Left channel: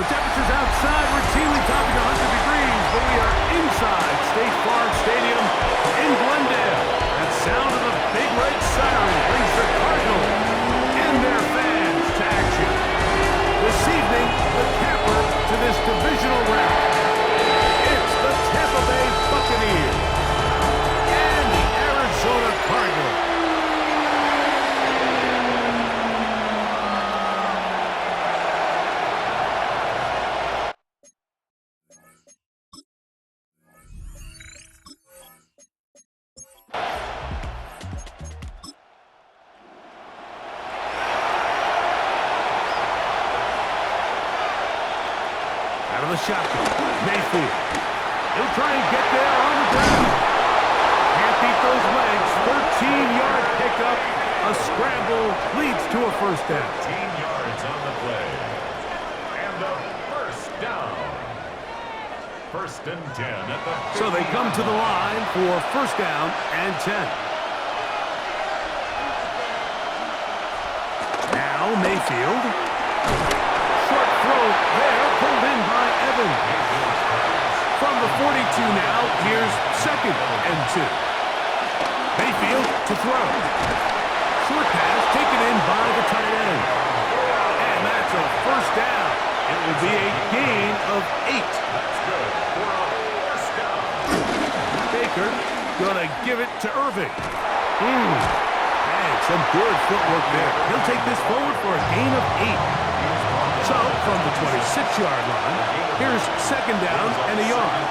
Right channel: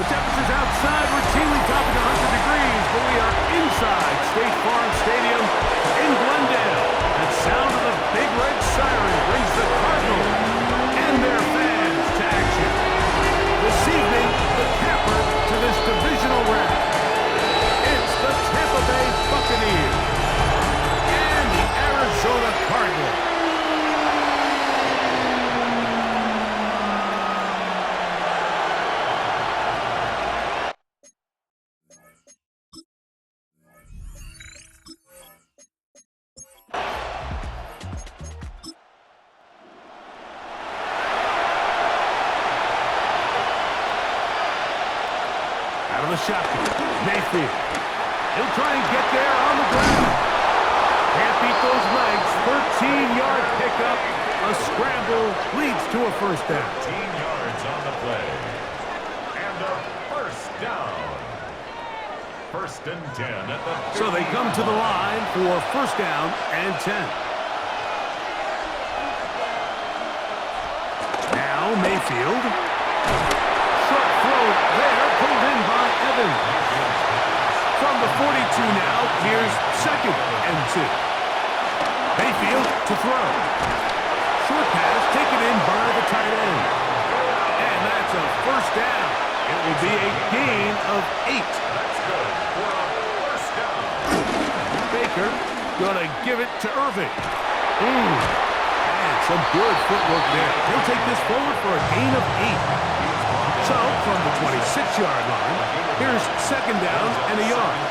The temperatures outside routinely topping 100 degrees, but we are inside State Farm Stadium in Glendale. That sound of the big red siren brings the Cardinals and their fans to action. This evening, the capper to this divisional round. It's the Tampa Bay Buccaneers and the Arizona Cardinals. Out of the shotgun, Mayfield. He'll try and get there on the ground. Can't beat those legs. 13-yard pickup. A scramble leads to a first down. 13 yards on the play. And a first down. First and 10 at the 50. So they come to the line for first down and 10. Now Mayfield. Short throw there, pulled in by Evans. From the 42 now, here's second and 2. Mayfield to throw. Short pass taken in by the tight end. And that's a first down. It will be a gain of 8. That's good for a first down. Baker gonna give it to Irving. And some good footwork there. He'll take this forward for a gain of 8. So, from the 26-yard line, here's second down and a yard.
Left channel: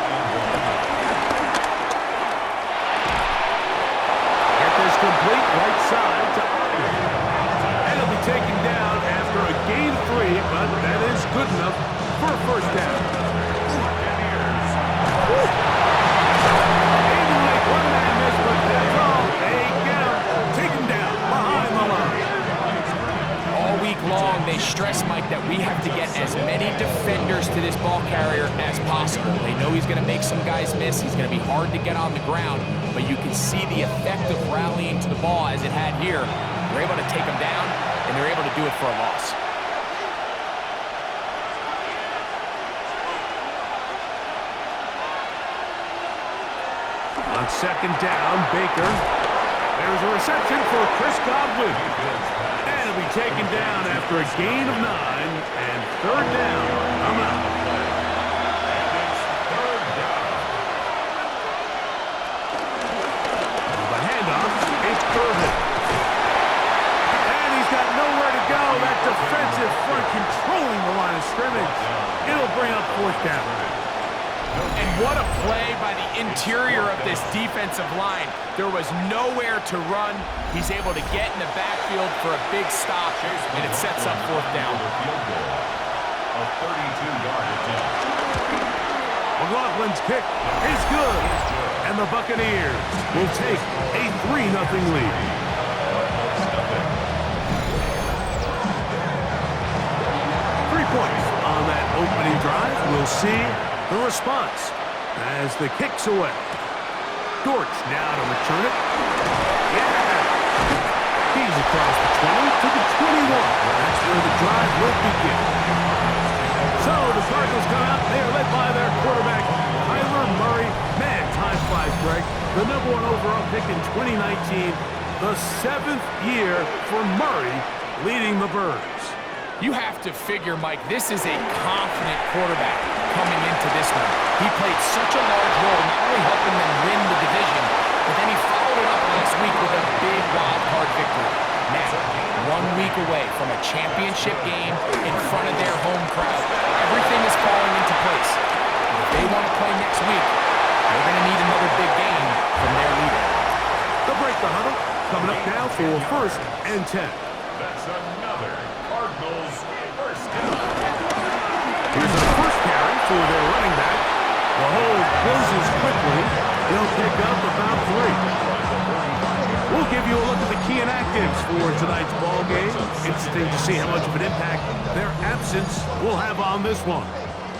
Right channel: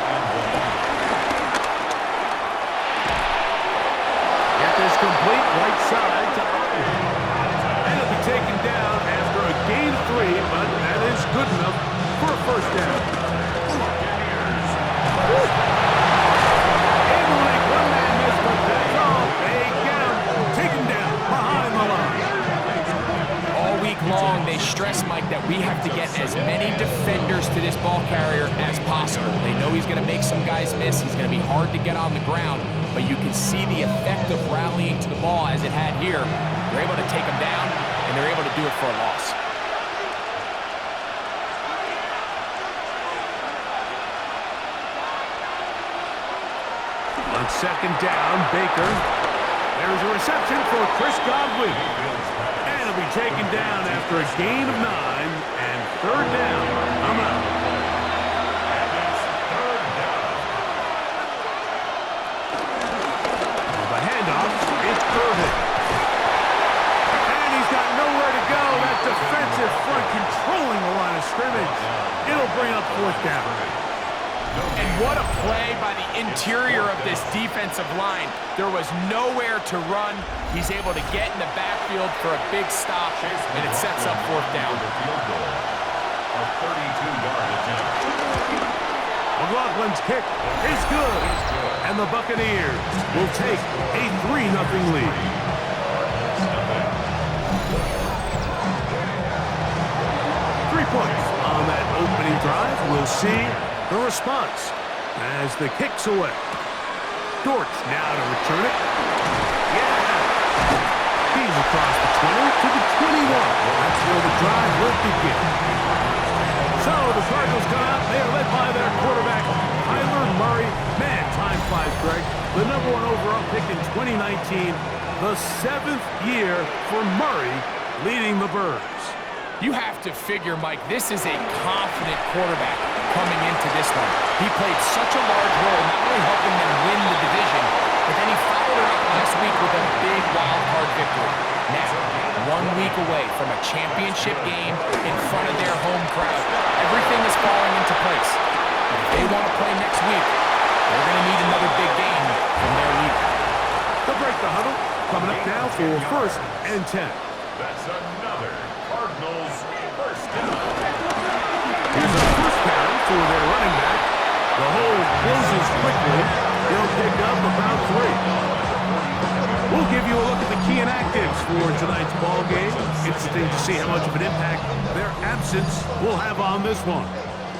Get this complete right side to Otley. And he'll be taken down after a gain of 3, but that is good enough for a first down. Buccaneers. Able to make one man miss, but that's all. They get him taken down behind the line. All week long, they stress, Mike, that we have to get as many defenders to this ball carrier as possible. They know he's going to make some guys miss. He's going to be hard to get on the ground, but you can see the effect of rallying to the ball as it had here. They're able to take him down, and they're able to do it for a loss. On second down, Baker. There's a reception for Chris Godwin. And he'll be taken down after a gain of 9 and third down. I'm out. And it's third down. The handoff, it's Irving. And he's got nowhere to go. That defensive front controlling the line of scrimmage. It'll bring up fourth down. And what a play by the interior of this defensive line. There was nowhere to run. He's able to get in the backfield for a big stop, and it sets up fourth down. Field goal. A 32-yard attempt. McLaughlin's kick is good. And the Buccaneers will take a 3-0 lead. Cardinals nothing. 3 points on that opening drive. We'll see the response as the kick's away. Dortch now to return it. Yeah! He's across the 20 to the 21. That's where the drive will begin. So the Cardinals come out. They are led by their quarterback, Kyler Murray. Man, time flies, Greg. The #1 overall pick in 2019. The 7th year for Murray leading the Birds. You have to figure, Mike, this is a confident quarterback coming into this one. He played such a large role, not only helping them win the division, but then he followed it up last week with a big wild card victory. Now, 1 week away from a championship game in front of their home crowd, everything is falling into place. But if they want to play next week, they're going to need another big game from their leader. They'll break the huddle. Coming up now for first and 10. That's another Cardinals first down. Here's a first carry for their running back. The hole closes quickly. He'll pick up about 3. We'll give you a look at the key inactives for tonight's ball game. Interesting to see how much of an impact their absence will have on this one.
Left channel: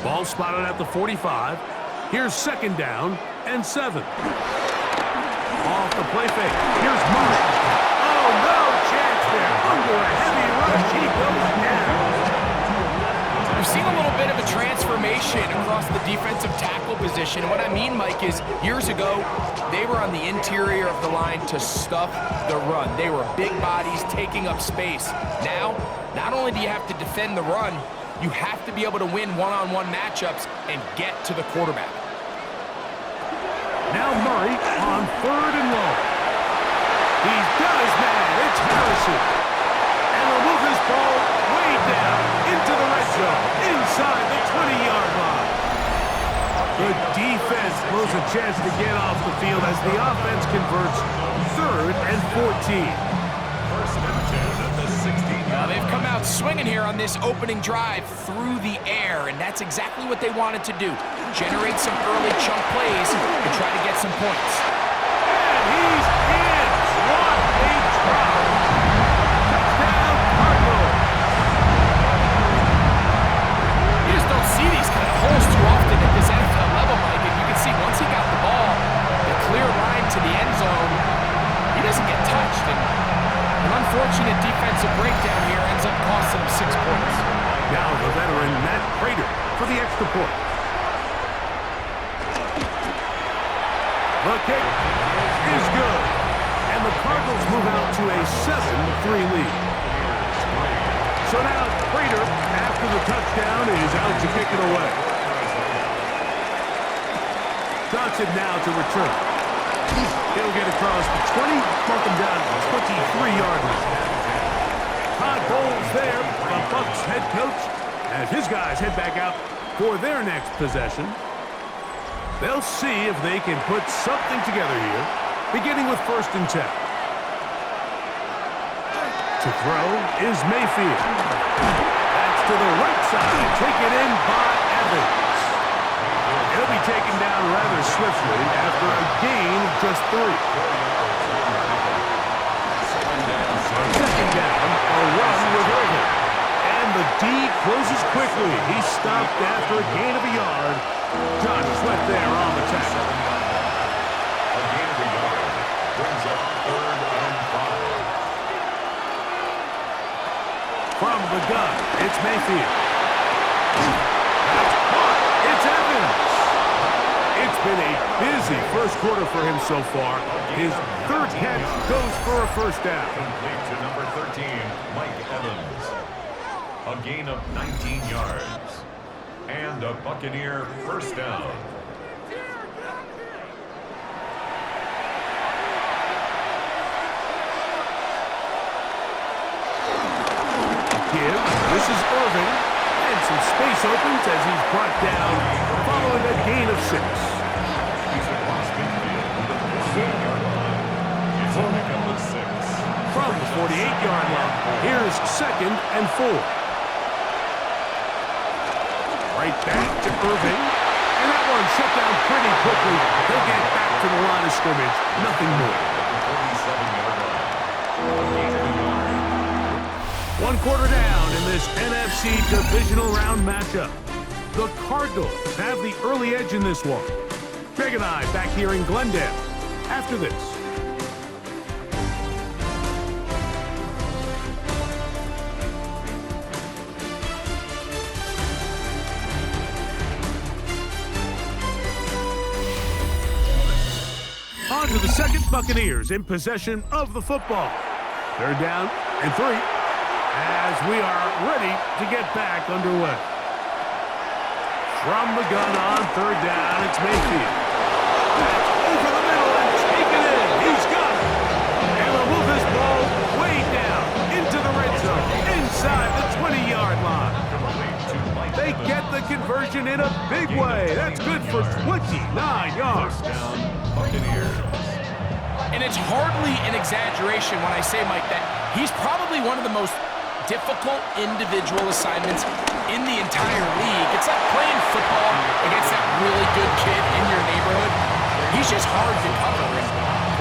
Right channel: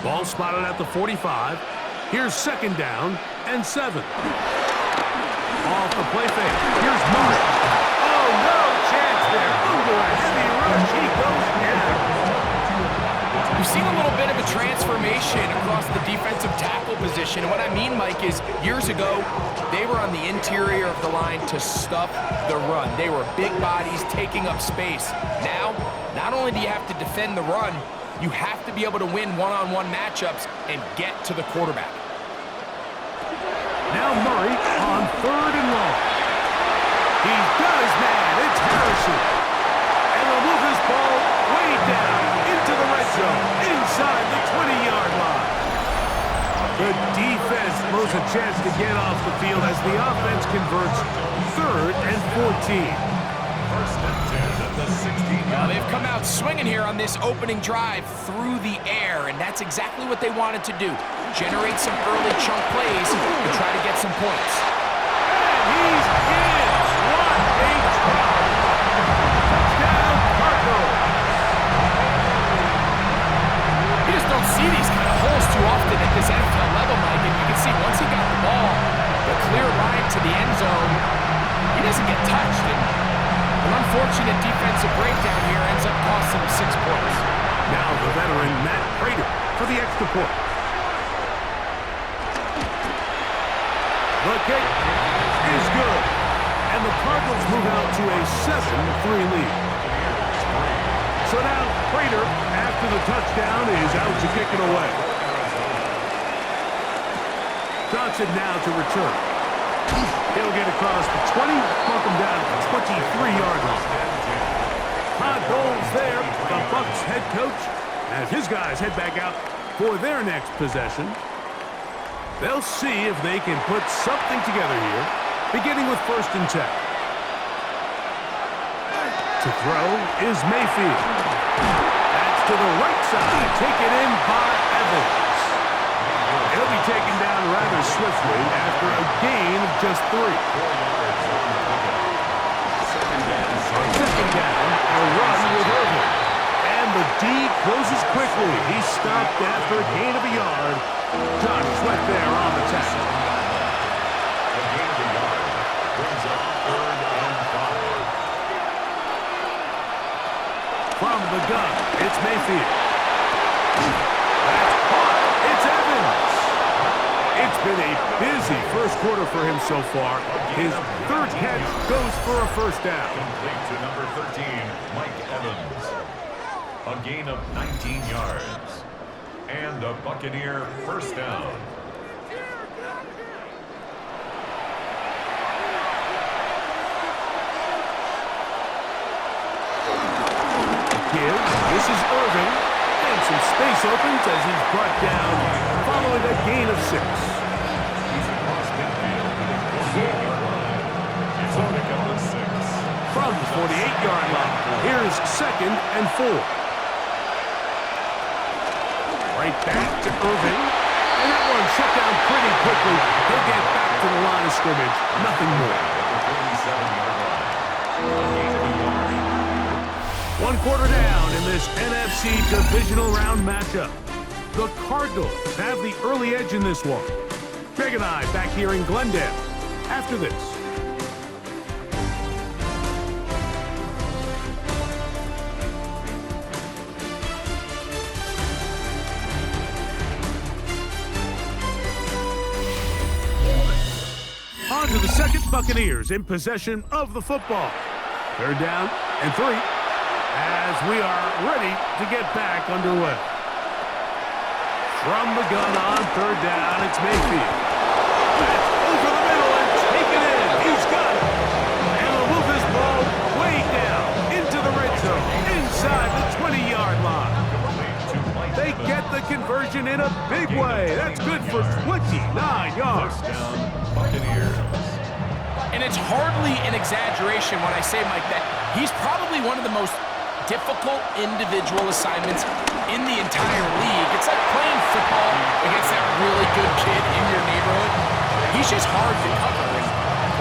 Ball spotted at the 45. Here's second down and 7. Off the play fake. Here's Murray. Oh, no chance there. Under a heavy rush, he goes down. We've seen a little bit of a transformation across the defensive tackle position. And what I mean, Mike, is years ago, they were on the interior of the line to stuff the run. They were big bodies taking up space. Now, not only do you have to defend the run, you have to be able to win one-on-one matchups and get to the quarterback. Now Murray on 3rd and long. He's got his man. It's Harrison. And they'll move this ball way down into the red zone, inside the 20-yard line. The defense blows a chance to get off the field as the offense converts 3rd and 14. First and 10 at the 16-yard line. They've come out swinging here on this opening drive through the air, and that's exactly what they wanted to do. Generate some early chunk plays and try to get some points. And he's in. What a drop. Touchdown, Cardinals. You just don't see these kind of holes too often at this NFL level, Mike, and you can see once he got the ball, the clear line to the end zone, he doesn't get touched, and an unfortunate defensive breakdown here ends up costing him 6 points. Now the veteran Matt Prater for the extra point. The kick is good. And the Cardinals move out to a 7-3 lead. So now Prater, after the touchdown, is out to kick it away. Johnson now to return. He'll get across the 20, mark him down to the 23-yard line. Todd Bowles there, the Bucs head coach, as his guys head back out for their next possession. They'll see if they can put something together here, beginning with 1st and 10. To throw is Mayfield. That's to the right side, taken in by Evans. He'll be taken down rather swiftly after a gain of just 3. On 2nd down, a run with Irvin. And the D closes quickly. He stopped after a gain of a yard. John Sweat there on the tackle. A gain of a yard brings up 3rd and 5. From the gun, it's Mayfield. That's caught. It's Evans. It's been a busy first quarter for him so far. His 3rd catch goes for a 1st down. Complete to number 13, Mike Evans. A gain of 19 yards. And a Buccaneer 1st down. Give. This is Irving. And some space opens as he's brought down following a gain of 6. He's across midfield to the 48-yard line. It's a pickup of 6. From the 48-yard line, here's 2nd and 4. Right back to Irving. And that one shut down pretty quickly. He'll get back to the line of scrimmage. Nothing more. At the 47-yard line. A gain of a yard. 1 quarter down in this NFC Divisional Round matchup. The Cardinals have the early edge in this one. Greg and I back here in Glendale after this. On to the 2nd, Buccaneers in possession of the football. 3rd down and 3 as we are ready to get back underway. From the gun on 3rd down, it's Mayfield. That's over the middle and taken in. He's got it. And they'll move this ball way down into the red zone, inside the 20-yard line. They get the conversion in a big way. That's good for 29 yards. 1st down, Buccaneers. And it's hardly an exaggeration when I say, Mike, that he's probably one of the most difficult individual assignments in the entire league. It's like playing football against that really good kid in your neighborhood. He's just hard to cover, and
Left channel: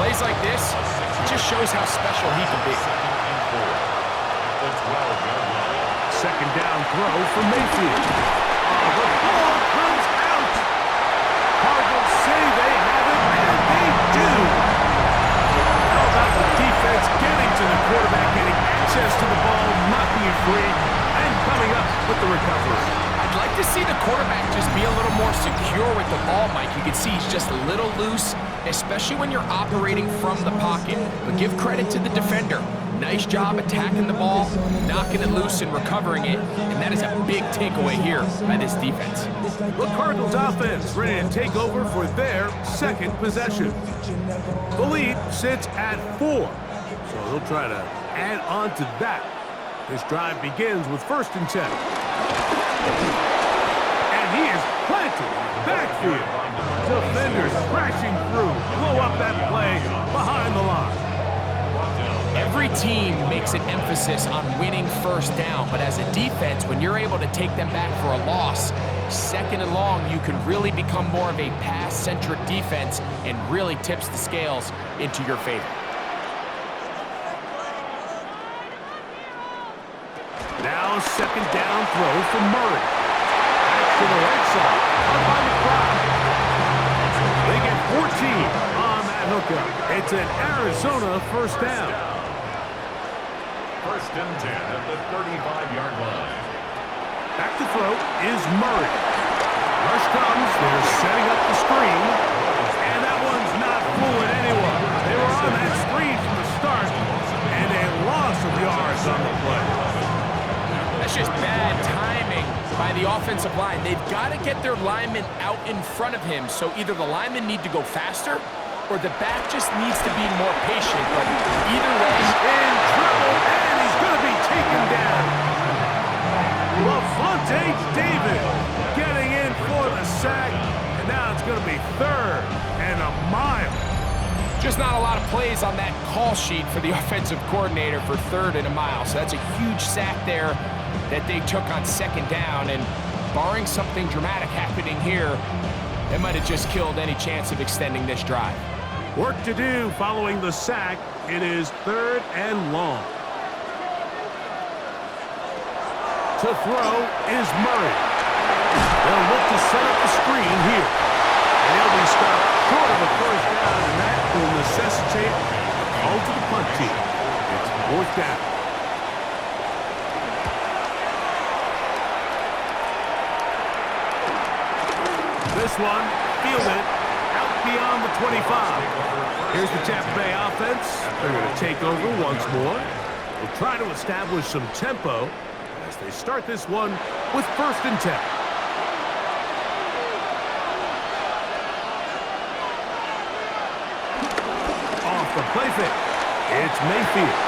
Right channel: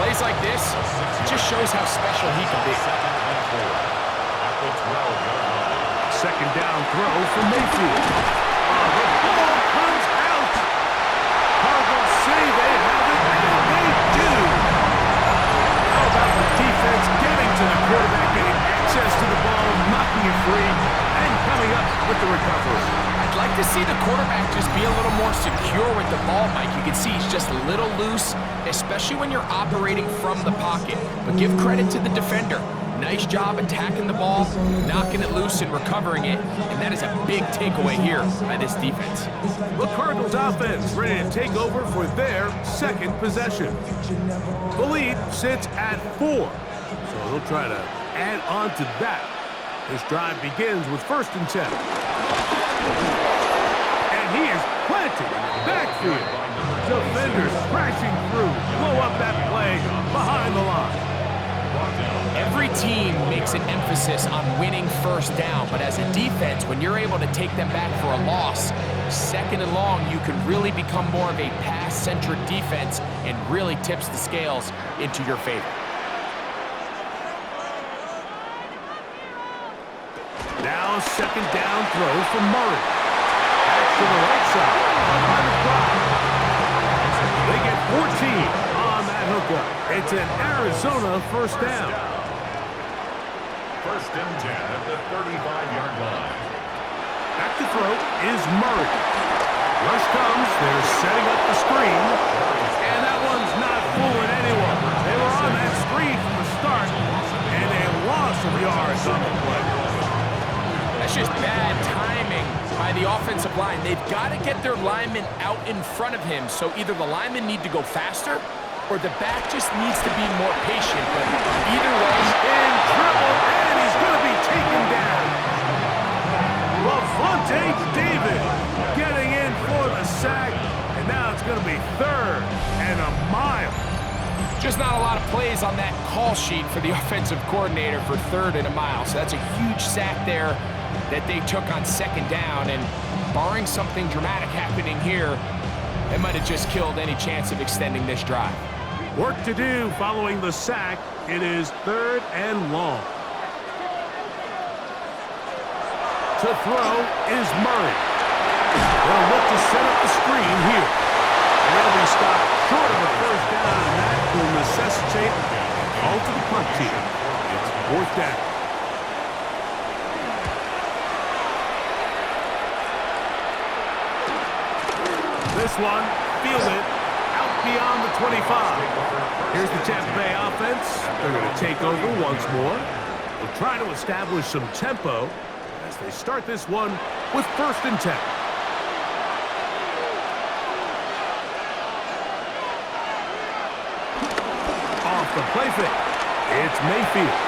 plays like this, it just shows how special he can be. 2nd and 4 at the 12-yard line. 2nd down throw for Mayfield. Oh, the ball comes out. Cardinals say they have it, and they do. How about the defense getting to the quarterback, getting access to the ball, knocking it free, and coming up with the recovery. see the quarterback just be a little more secure with the ball, Mike. You can see he's just a little loose, especially when you're operating from the pocket. But give credit to the defender. Nice job attacking the ball, knocking it loose and recovering it, and that is a big takeaway here by this defense. The Cardinals offense ready to take over for their second possession. The lead sits at 4, so they'll try to add on to that. This drive begins with 1st and 10. And he is planted in the backfield. Defenders crashing through, blow up that play behind the line. Every team makes an emphasis on winning 1st down, but as a defense, when you're able to take them back for a loss, 2nd and long, you can really become more of a pass-centric defense and really tips the scales into your favor. Now a 2nd down throw from Murray. Back to the right side, caught by McBride. They get 14 on that hookup. It's an Arizona 1st down. 1st and 10 at the 35-yard line. Back to throw is Murray. Rush comes, they're setting up the screen, and that one's not fooling anyone. They were on that screen from the start, and a loss of yards on the play. That's just bad timing by the offensive line. They've got to get their linemen out in front of him, so either the linemen need to go faster or the back just needs to be more patient. But either way, in trouble, and he's going to be taken down. Levante David getting in for the sack, and now it's going to be 3rd and a mile. just not a lot of plays on that call sheet for the offensive coordinator for 3rd and a mile. So that's a huge sack there that they took on 2nd down, and barring something dramatic happening here, it might have just killed any chance of extending this drive. Work to do following the sack. It is 3rd and long. To throw is Murray. They'll look to set up the screen here. And he'll be stopped short of a 1st down, and that will necessitate a call to the punt team. It's 4th down. This one fielded out beyond the 25. Here's the Tampa Bay offense. They're going to take over once more. They'll try to establish some tempo as they start this one with 1st and 10. Off the play fake. It's Mayfield.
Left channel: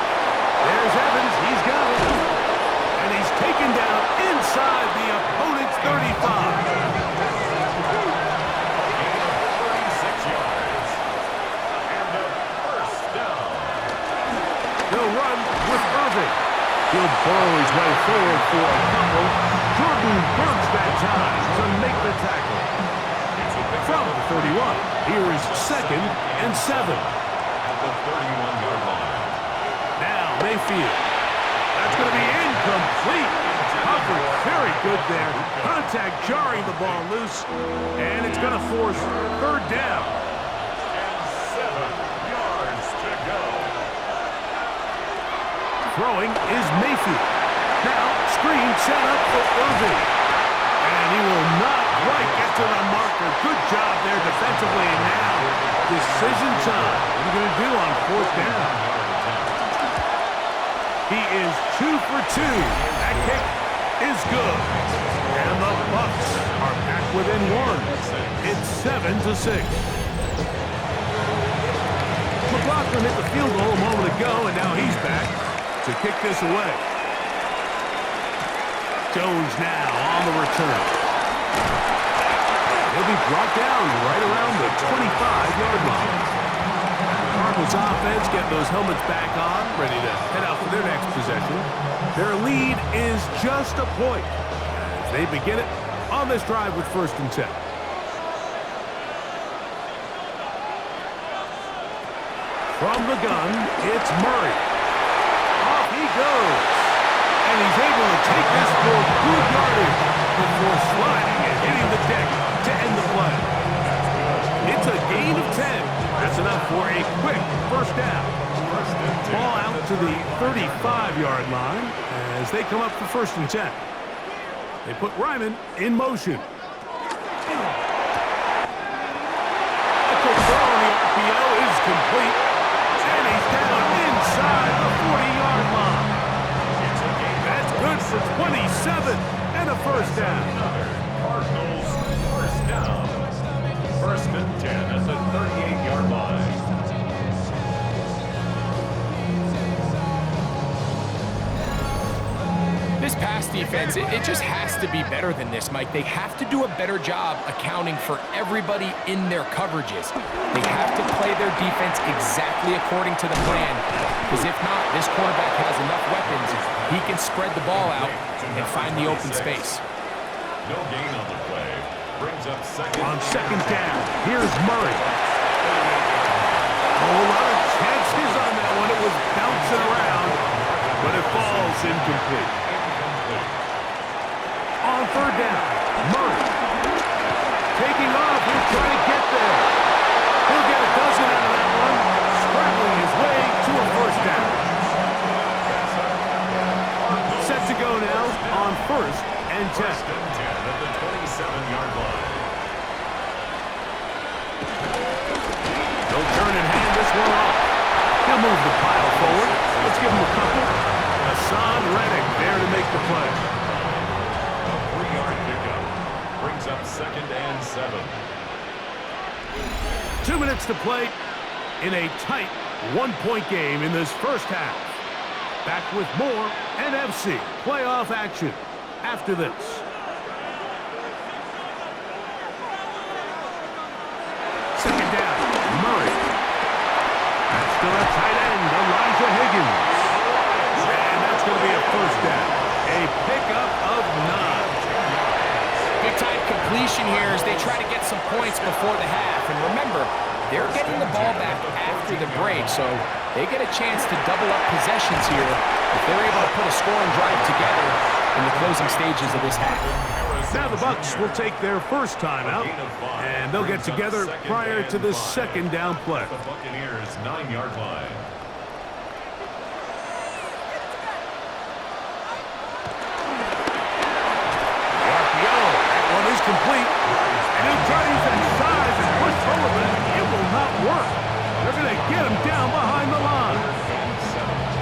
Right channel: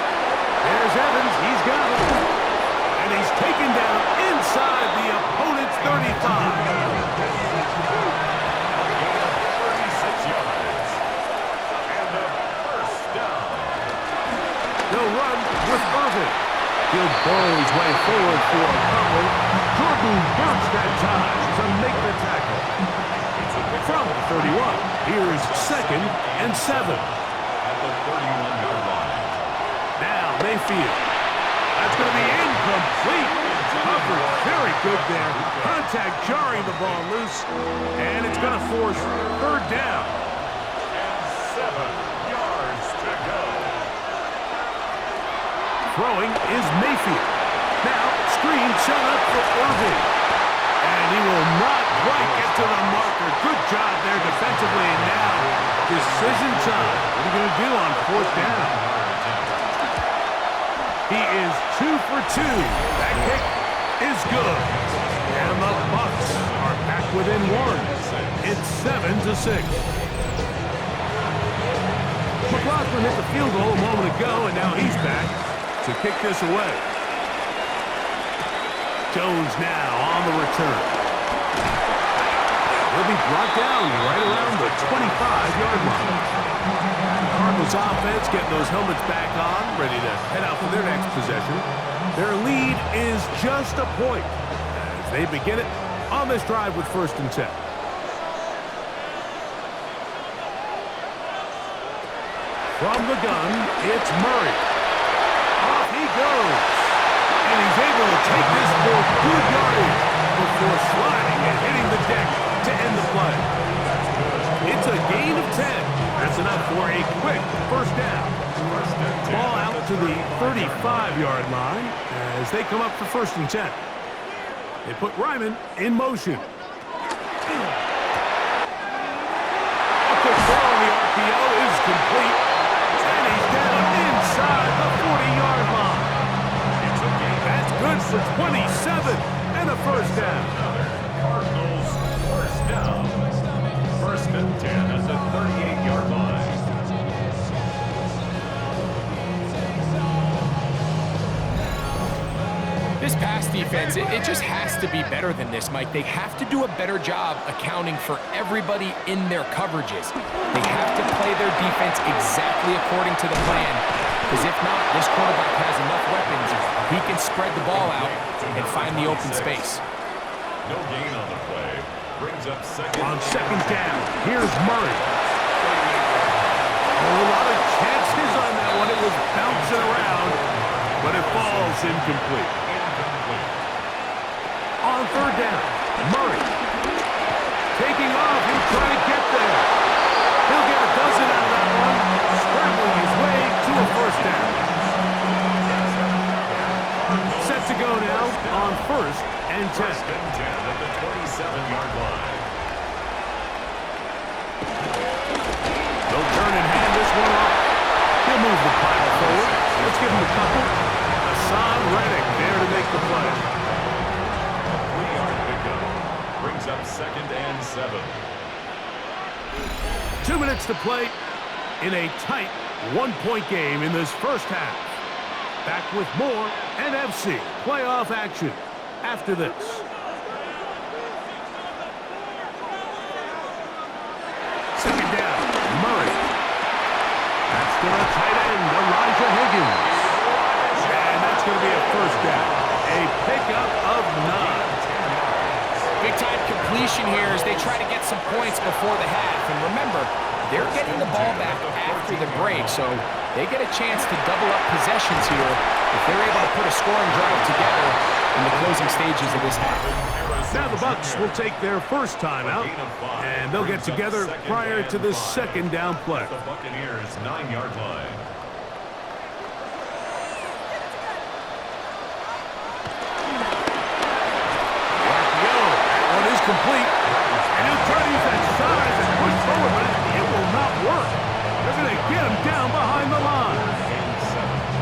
There's Evans. He's got it. And he's taken down inside the opponent's 35. They'll run with Irving. He'll burrow his way forward for a couple. Jordan Burks that time to make the tackle. From the 31, here's 2nd and 7. At the 31-yard line. Now Mayfield. That's going to be incomplete. Coverage very good there. Contact jarring the ball loose. And it's going to force 3rd down. And 7 yards to go. Throwing is Mayfield. Now, screen set up for Irving. And he will not quite get to the marker. Good job there defensively. And now, decision time. What are you going to do on 4th down? He is 2 for 2. That kick is good. And the Bucs are back within 1. It's 7-6. McLaughlin hit the field goal a moment ago, and now he's back to kick this away. Jones now on the return. He'll be brought down right around the 25-yard line. The Cardinals offense getting those helmets back on, ready to head out for their next possession. Their lead is just a point as they begin it on this drive with 1st and 10. From the gun, it's Murray. Off he goes. And he's able to take this for good yardage before sliding and hitting the deck to end the play. It's a gain of 10. That's enough for a quick 1st down. Ball out to the 35-yard line as they come up for 1st and 10. They put Ryman in motion. A quick throw on the RPO is complete. And he's down inside the 40-yard line. That's good for 27 and a first down. Cardinals first down. First and 10 at the 38-yard line. This pass defense, it just has to be better than this, Mike. They have to do a better job accounting for everybody in their coverages. They have to play their defense exactly according to the plan, because if not, this quarterback has enough weapons. He can spread the ball out and find the open space. No gain on the play. Brings up second. On second down, here's Murray. Oh, a lot of chances on that one. It was bouncing around, but it falls incomplete. On third down, Murray. Taking off, he'll try to get there. He'll get a dozen out of that one, scrambling his way to a first down. Set to go now on first and 10. First and 10 at the 27-yard line. They'll turn and hand this one off. He'll move the pile forward. Let's give him a couple. Hassan Reddick there to make the play. A 3-yard pickup. Brings up second and 7. 2 minutes to play in a tight one-point game in this first half. Back with more NFC playoff action after this. Second down, Murray. That's to the tight end, Elijah Higgins. And that's going to be a first down. A pickup of 9. Big-time completion here as they try to get some points before the half. And remember, they're getting the ball back after the break, so they get a chance to double up possessions here if they're able to put a scoring drive together in the closing stages of this half. Now the Bucs will take their first timeout, and they'll get together prior to the second down play. The Buccaneers 9-yard line. The RPO, that one is complete. And he'll try to use that size and push forward, but it will not work. They're going to get him down behind the line.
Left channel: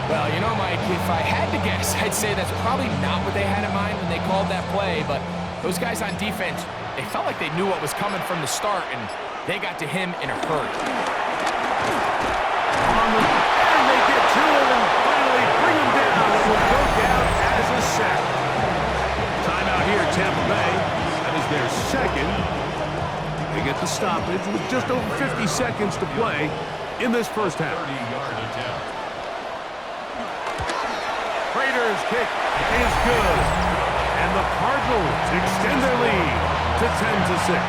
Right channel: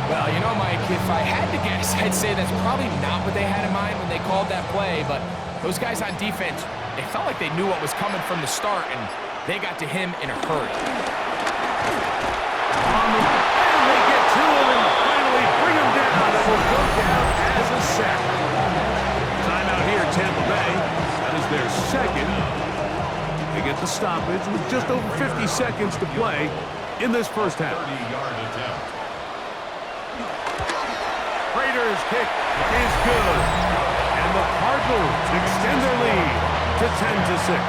Well, you know, Mike, if I had to guess, I'd say that's probably not what they had in mind when they called that play, but those guys on defense, they felt like they knew what was coming from the start, and they got to him in a hurry. And they get to him and finally bring him down. It will go down as a sack. Timeout here, Tampa Bay. That is their second. They get the stoppage with just over 50 seconds to play in this first half. 30-yard attempt. Raiders' kick is good. And the Cardinals extend their lead to 10-6.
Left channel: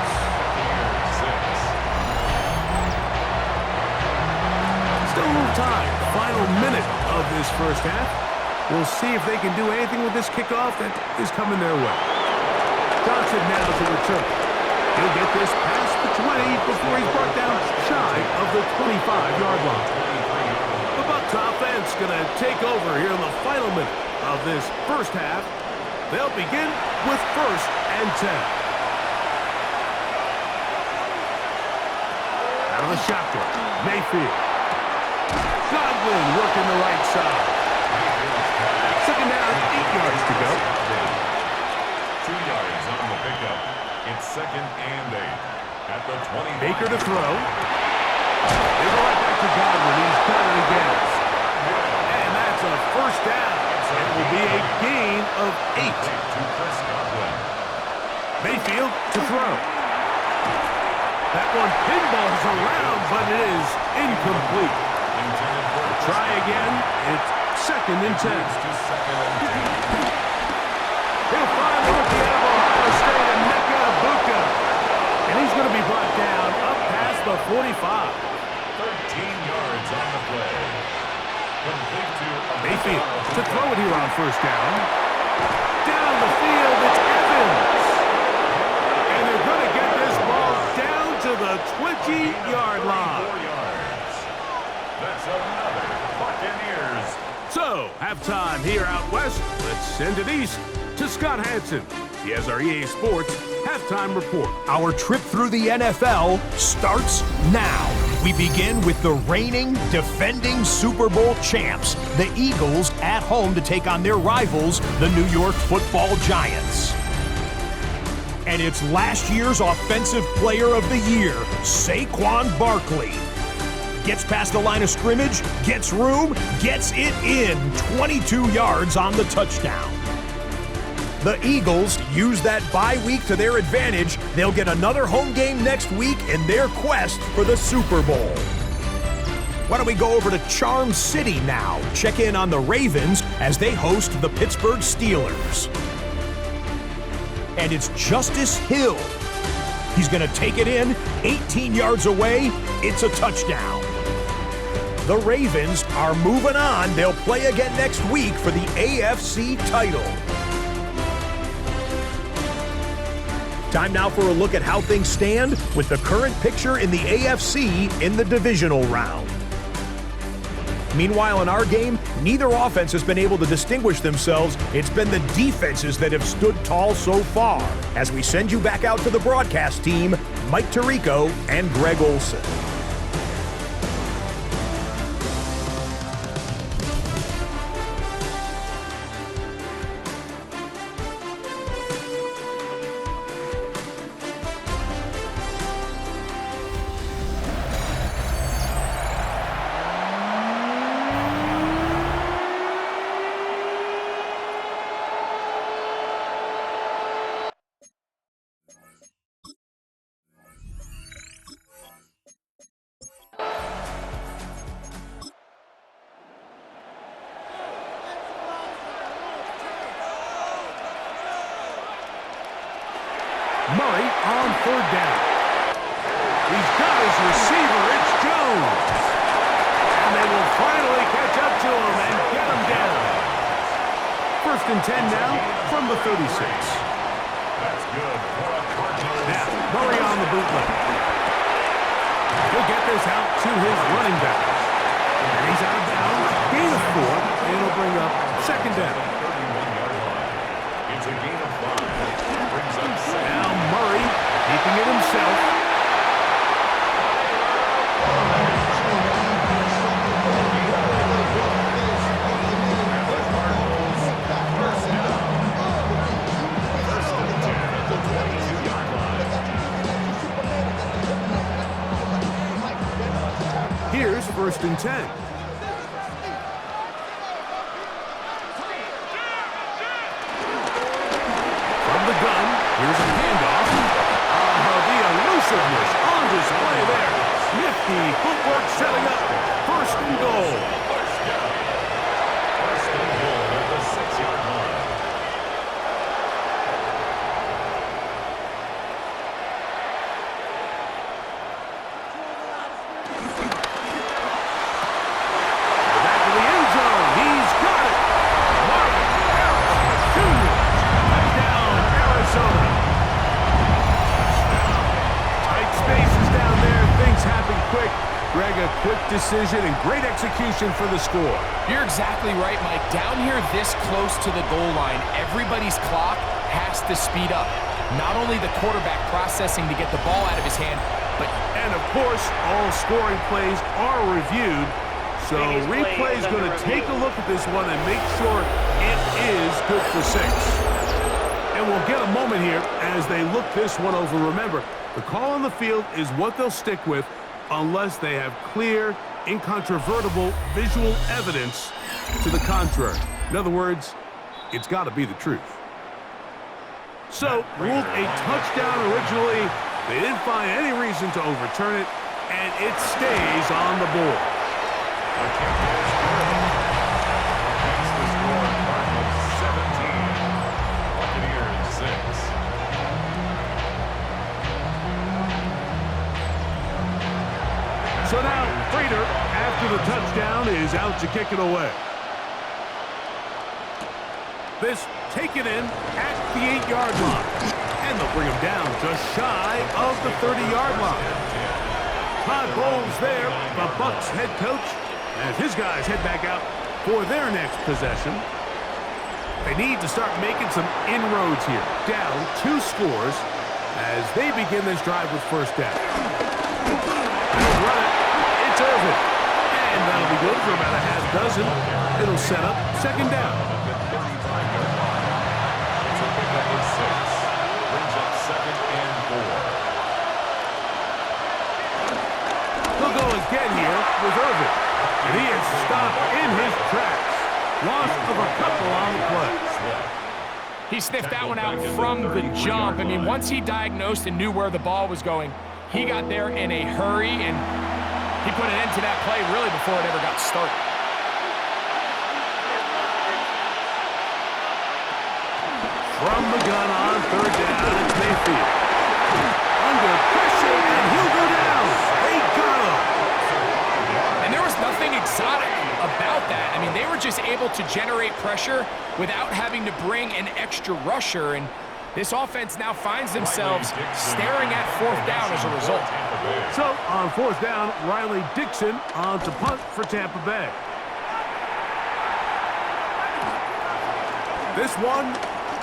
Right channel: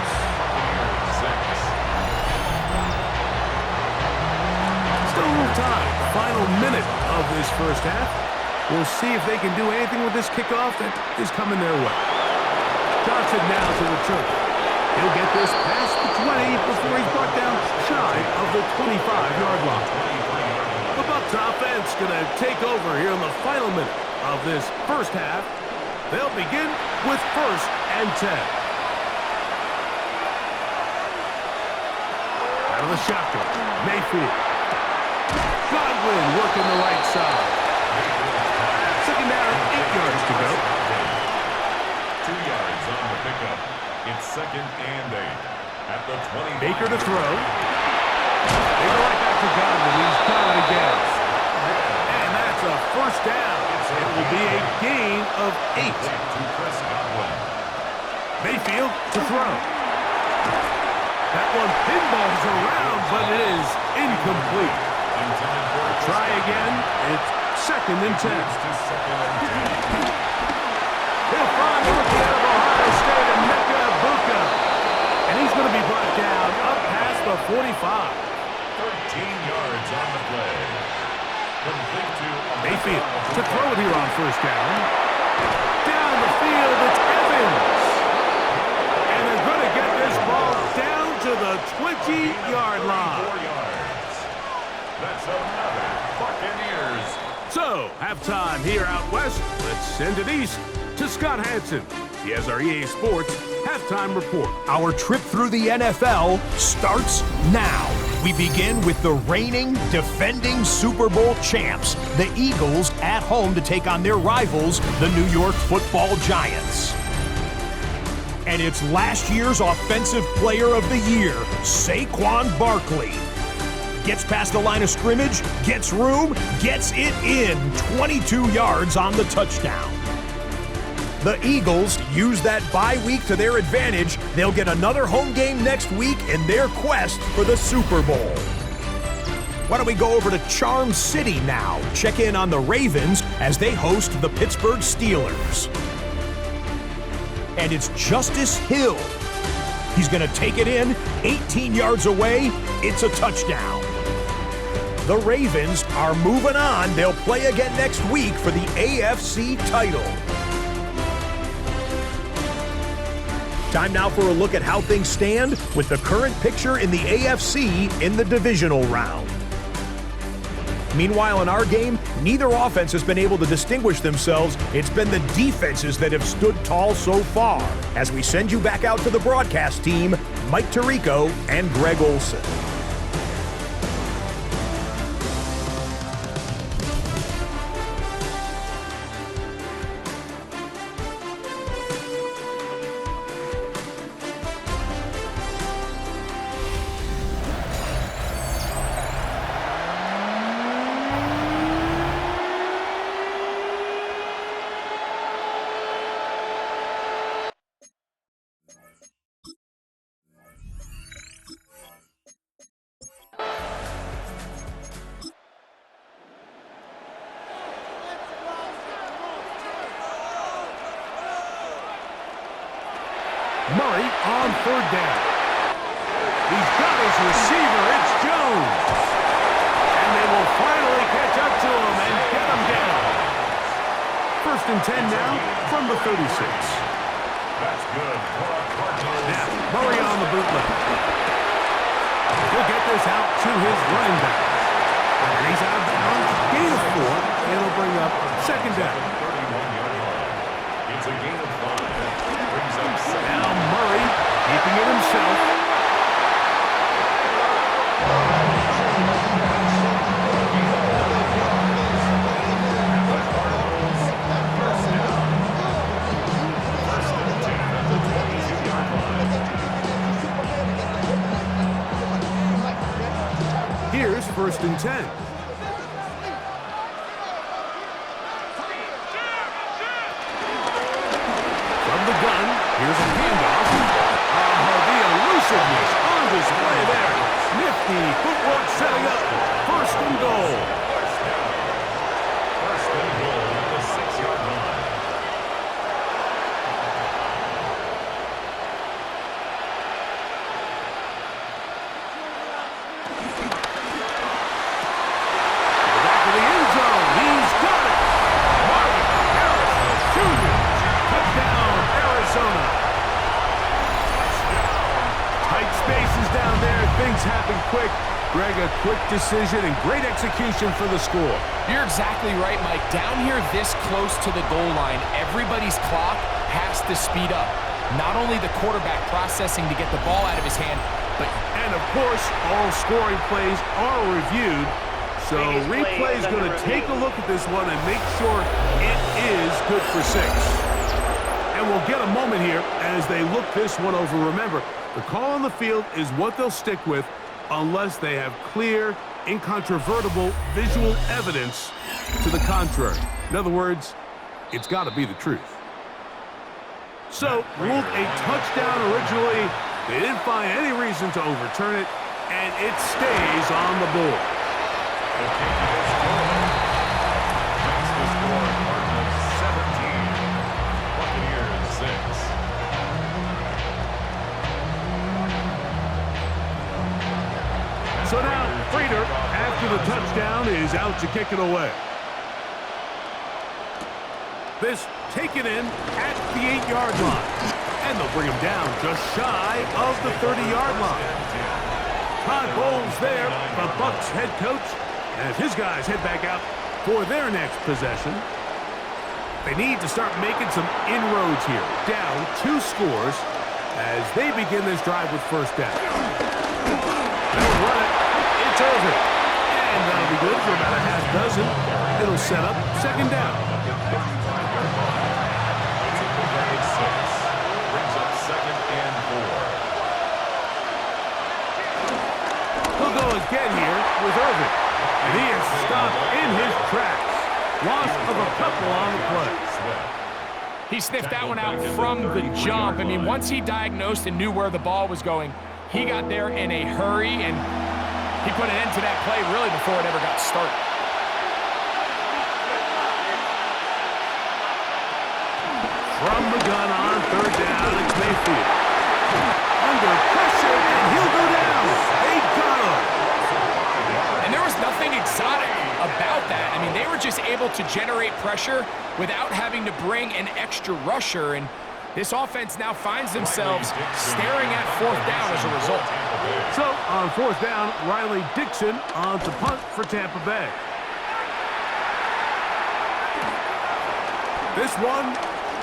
Still a little time. Final minute of this first half. We'll see if they can do anything with this kickoff that is coming their way. Johnson now to return. He'll get this past the 20 before he's brought down shy of the 25-yard line. The Bucs offense going to take over here in the final minute of this first half. They'll begin with first and 10. Out of the shotgun, Mayfield. Godwin working the right side. Second down, 8 yards to go. 2 yards on the pickup. It's second and 8 at the 20. Baker to throw. They go right back to Godwin. He's got it again. And that's a first down. It will be a gain of 8. To Chris Godwin. Mayfield to throw. That one pinballs around, but it is incomplete. Intended for a Try again. It's second and 10. to second and 10. He'll find the rookie out of Ohio State, Emeka Egbuka. And he's going to be brought down up past the 45. 13 yards on the play. Complete to Mayfield to throw it here on first down. Down the field, it's Evans. And they're going to get this ball down to the 20-yard line. 4 yards. That's another Buccaneers. So, halftime here out west. Let's send it east to Scott Hanson. He has our EA Sports Halftime Report. Our trip through the NFL starts now. We begin with the reigning, defending Super Bowl champs, the Eagles, at home to take on their rivals, the New York Football Giants. And it's last year's Offensive Player of the Year, Saquon Barkley. Gets past the line of scrimmage, gets room, gets it in, 22 yards on the touchdown. The Eagles use that bye week to their advantage. They'll get another home game next week in their quest for the Super Bowl. Why don't we go over to Charm City now? Check in on the Ravens as they host the Pittsburgh Steelers. And it's Justice Hill. He's going to take it in, 18 yards away. It's a touchdown. The Ravens are moving on. They'll play again next week for the AFC title. Time now for a look at how things stand with the current picture in the AFC in the divisional round. Meanwhile, in our game, neither offense has been able to distinguish themselves. It's been the defenses that have stood tall so far. As we send you back out to the broadcast team, Mike Tirico and Greg Olson. Murray on third down. He's got his receiver. It's Jones. And they will finally catch up to him and get him down. 1st and 10 now from the 36. That's good for a Cardinals. Now, Murray on the bootleg. He'll get this out to his running back. And he's out of bounds. Gain of 4. It'll bring up 2nd down. 31-yard line. It's a gain of 5. Brings up 2nd. Now Murray keeping it himself. And the Cardinals, 1st down. 1st and 10 at the 22-yard line. Here's 1st and 10. From the gun, here's a handoff. The elusiveness on display there. Nifty footwork setting up. 1st and goal. 1st down. 1st and goal at the 6-yard line. To the back of the end zone. He's got it. Marvin Harris Jr. Touchdown, Arizona. Tight spaces down there. Things happen quick. Greg, a quick decision and great execution for the score. You're exactly right, Mike. Down here this close to the goal line, everybody's clock has to speed up. Not only the quarterback processing to get the ball out of his hand, but... And, of course, all scoring plays are reviewed. So replay is going to take a look at this one and make sure it is good for 6. And we'll get a moment here as they look this one over. Remember, the call on the field is what they'll stick with unless they have clear, incontrovertible visual evidence to the contrary. In other words, it's got to be the truth. So, ruled a touchdown originally. They didn't find any reason to overturn it, and it stays on the board. The kick is good. Makes the score Cardinals 17, Buccaneers 6. So now, Prater, after the touchdown, is out to kick it away. This taken in at the 8-yard line. And they'll bring him down just shy of the 30-yard line. Todd Bowles there, the Bucs head coach, as his guys head back out for their next possession. They need to start making some inroads here. Down 2 scores as they begin this drive with first down. They'll run it. It's Irvin. And that'll be good for about a half dozen. It'll set up second down. At the 35-yard line. It's a pickup of 6. Brings up second and 4. He'll go again here with Irvin. And he is stopped in his tracks. Loss of a couple on the play. He sniffed that one out from the jump. I mean, once he diagnosed and knew where the ball was going, he got there in a hurry, and he put an end to that play really before it ever got started. From the gun on third down, it's Mayfield. Under pressure, and he'll go down. They got him. And there was nothing exotic about that. I mean, they were just able to generate pressure without having to bring an extra rusher, and this offense now finds themselves staring at fourth down as a result. So, on fourth down, Riley Dixon on to punt for Tampa Bay. This one,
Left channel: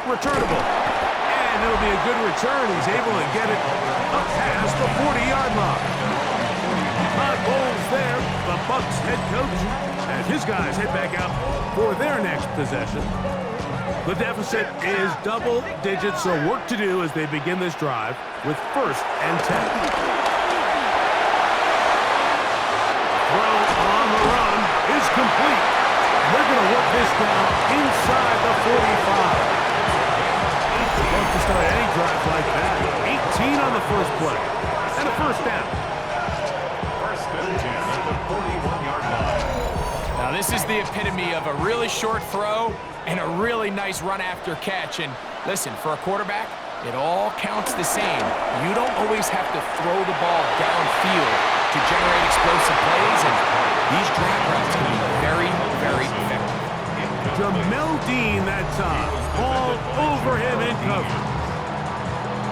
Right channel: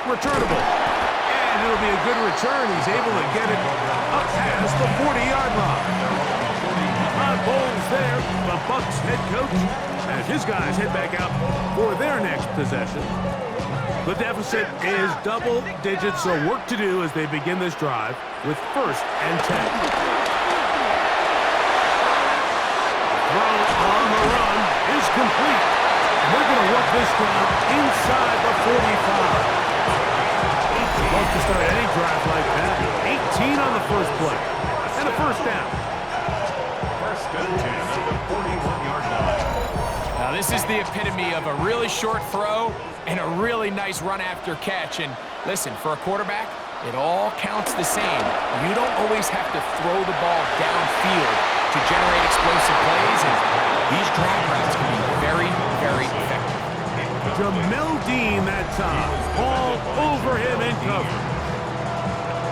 returnable. And it'll be a good return. He's able to get it up past the 40-yard line. Todd Bowles there, the Bucs head coach, as his guys head back out for their next possession. The deficit is double digits, so work to do as they begin this drive with first and 10. Throw on the run is complete. And they're going to work this down inside the 45. Love to start any drive like that. 18 on the first play. And a first down. First and 10 at the 41-yard line. Now, this is the epitome of a really short throw and a really nice run after catch. And listen, for a quarterback, it all counts the same. You don't always have to throw the ball downfield to generate explosive plays, and these drag routes can be very, very effective. Jamel Dean that time. All over him in coverage.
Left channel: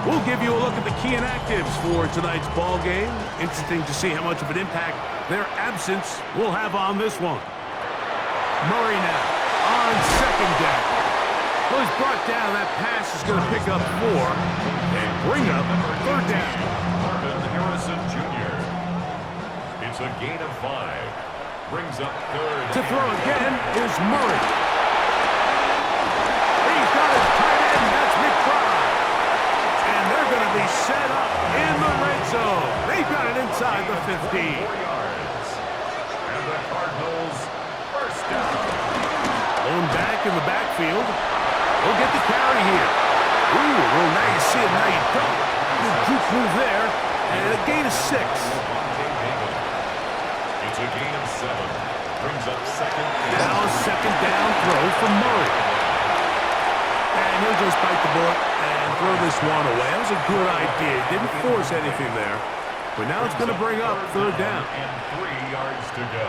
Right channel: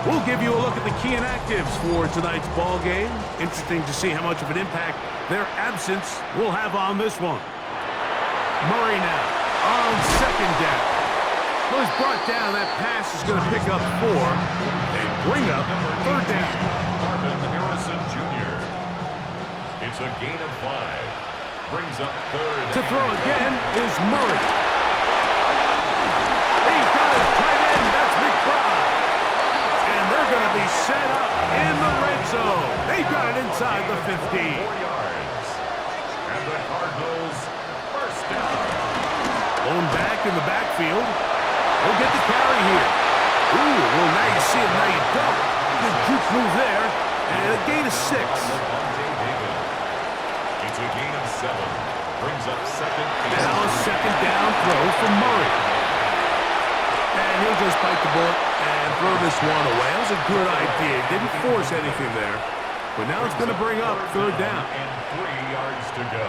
We'll give you a look at the key inactives for tonight's ball game. Interesting to see how much of an impact their absence will have on this one. Murray now on second down. Well, he's brought down. That pass is going to pick up 4 and bring up third down. Marvin Harrison Jr. It's a gain of 5. Brings up third. To throw again is Murray. He's got his tight end. That's McBride. And they're going to be set up in the red zone. They've got it inside the 15. 4 yards. And the Cardinals first down. Blown back in the backfield. He'll get the carry here. Ooh, well, now you see him, now you don't. Good juke move there. And a gain of 6. It's a gain of 7. Brings up second. Now a second down throw from Murray. And he'll just bite the bullet and throw this one away. That was a good idea. Didn't force anything there. But now it's going to bring up third down. And 3 yards to go.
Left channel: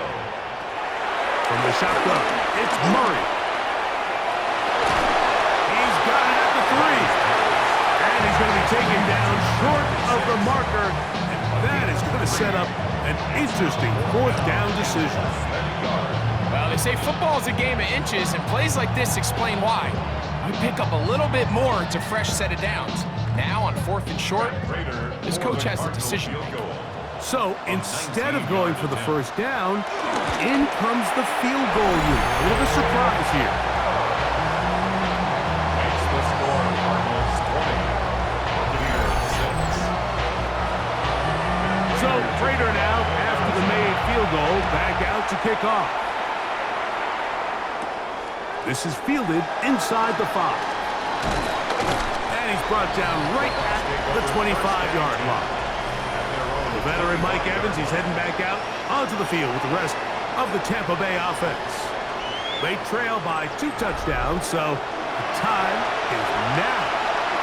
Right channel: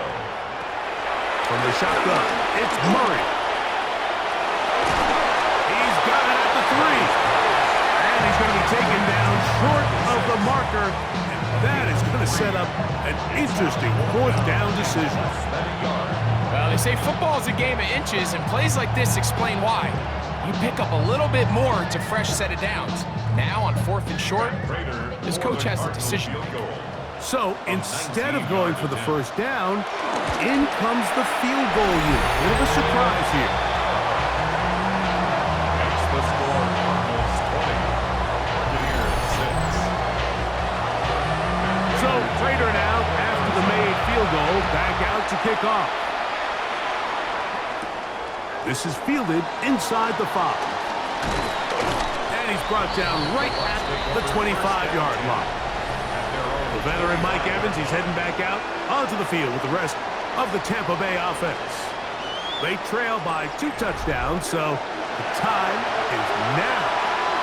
From the shotgun, it's Murray. He's got it at the 3. And he's going to be taken down short of the marker. And that is going to set up an interesting fourth down decision. Well, they say football is a game of inches, and plays like this explain why. You pick up a little bit more, it's a fresh set of downs. Now on fourth and short, this coach has a decision to make. So instead of going for the first down, in comes the field goal unit. A bit of a surprise here. Makes the score Cardinals 20, Buccaneers 6. So Prater now, after the made field goal, back out to kick off. This is fielded inside the 5. And he's brought down right at the 25-yard line. The veteran Mike Evans, he's heading back out onto the field with the rest of the Tampa Bay offense. They trail by 2 touchdowns, so the time is now.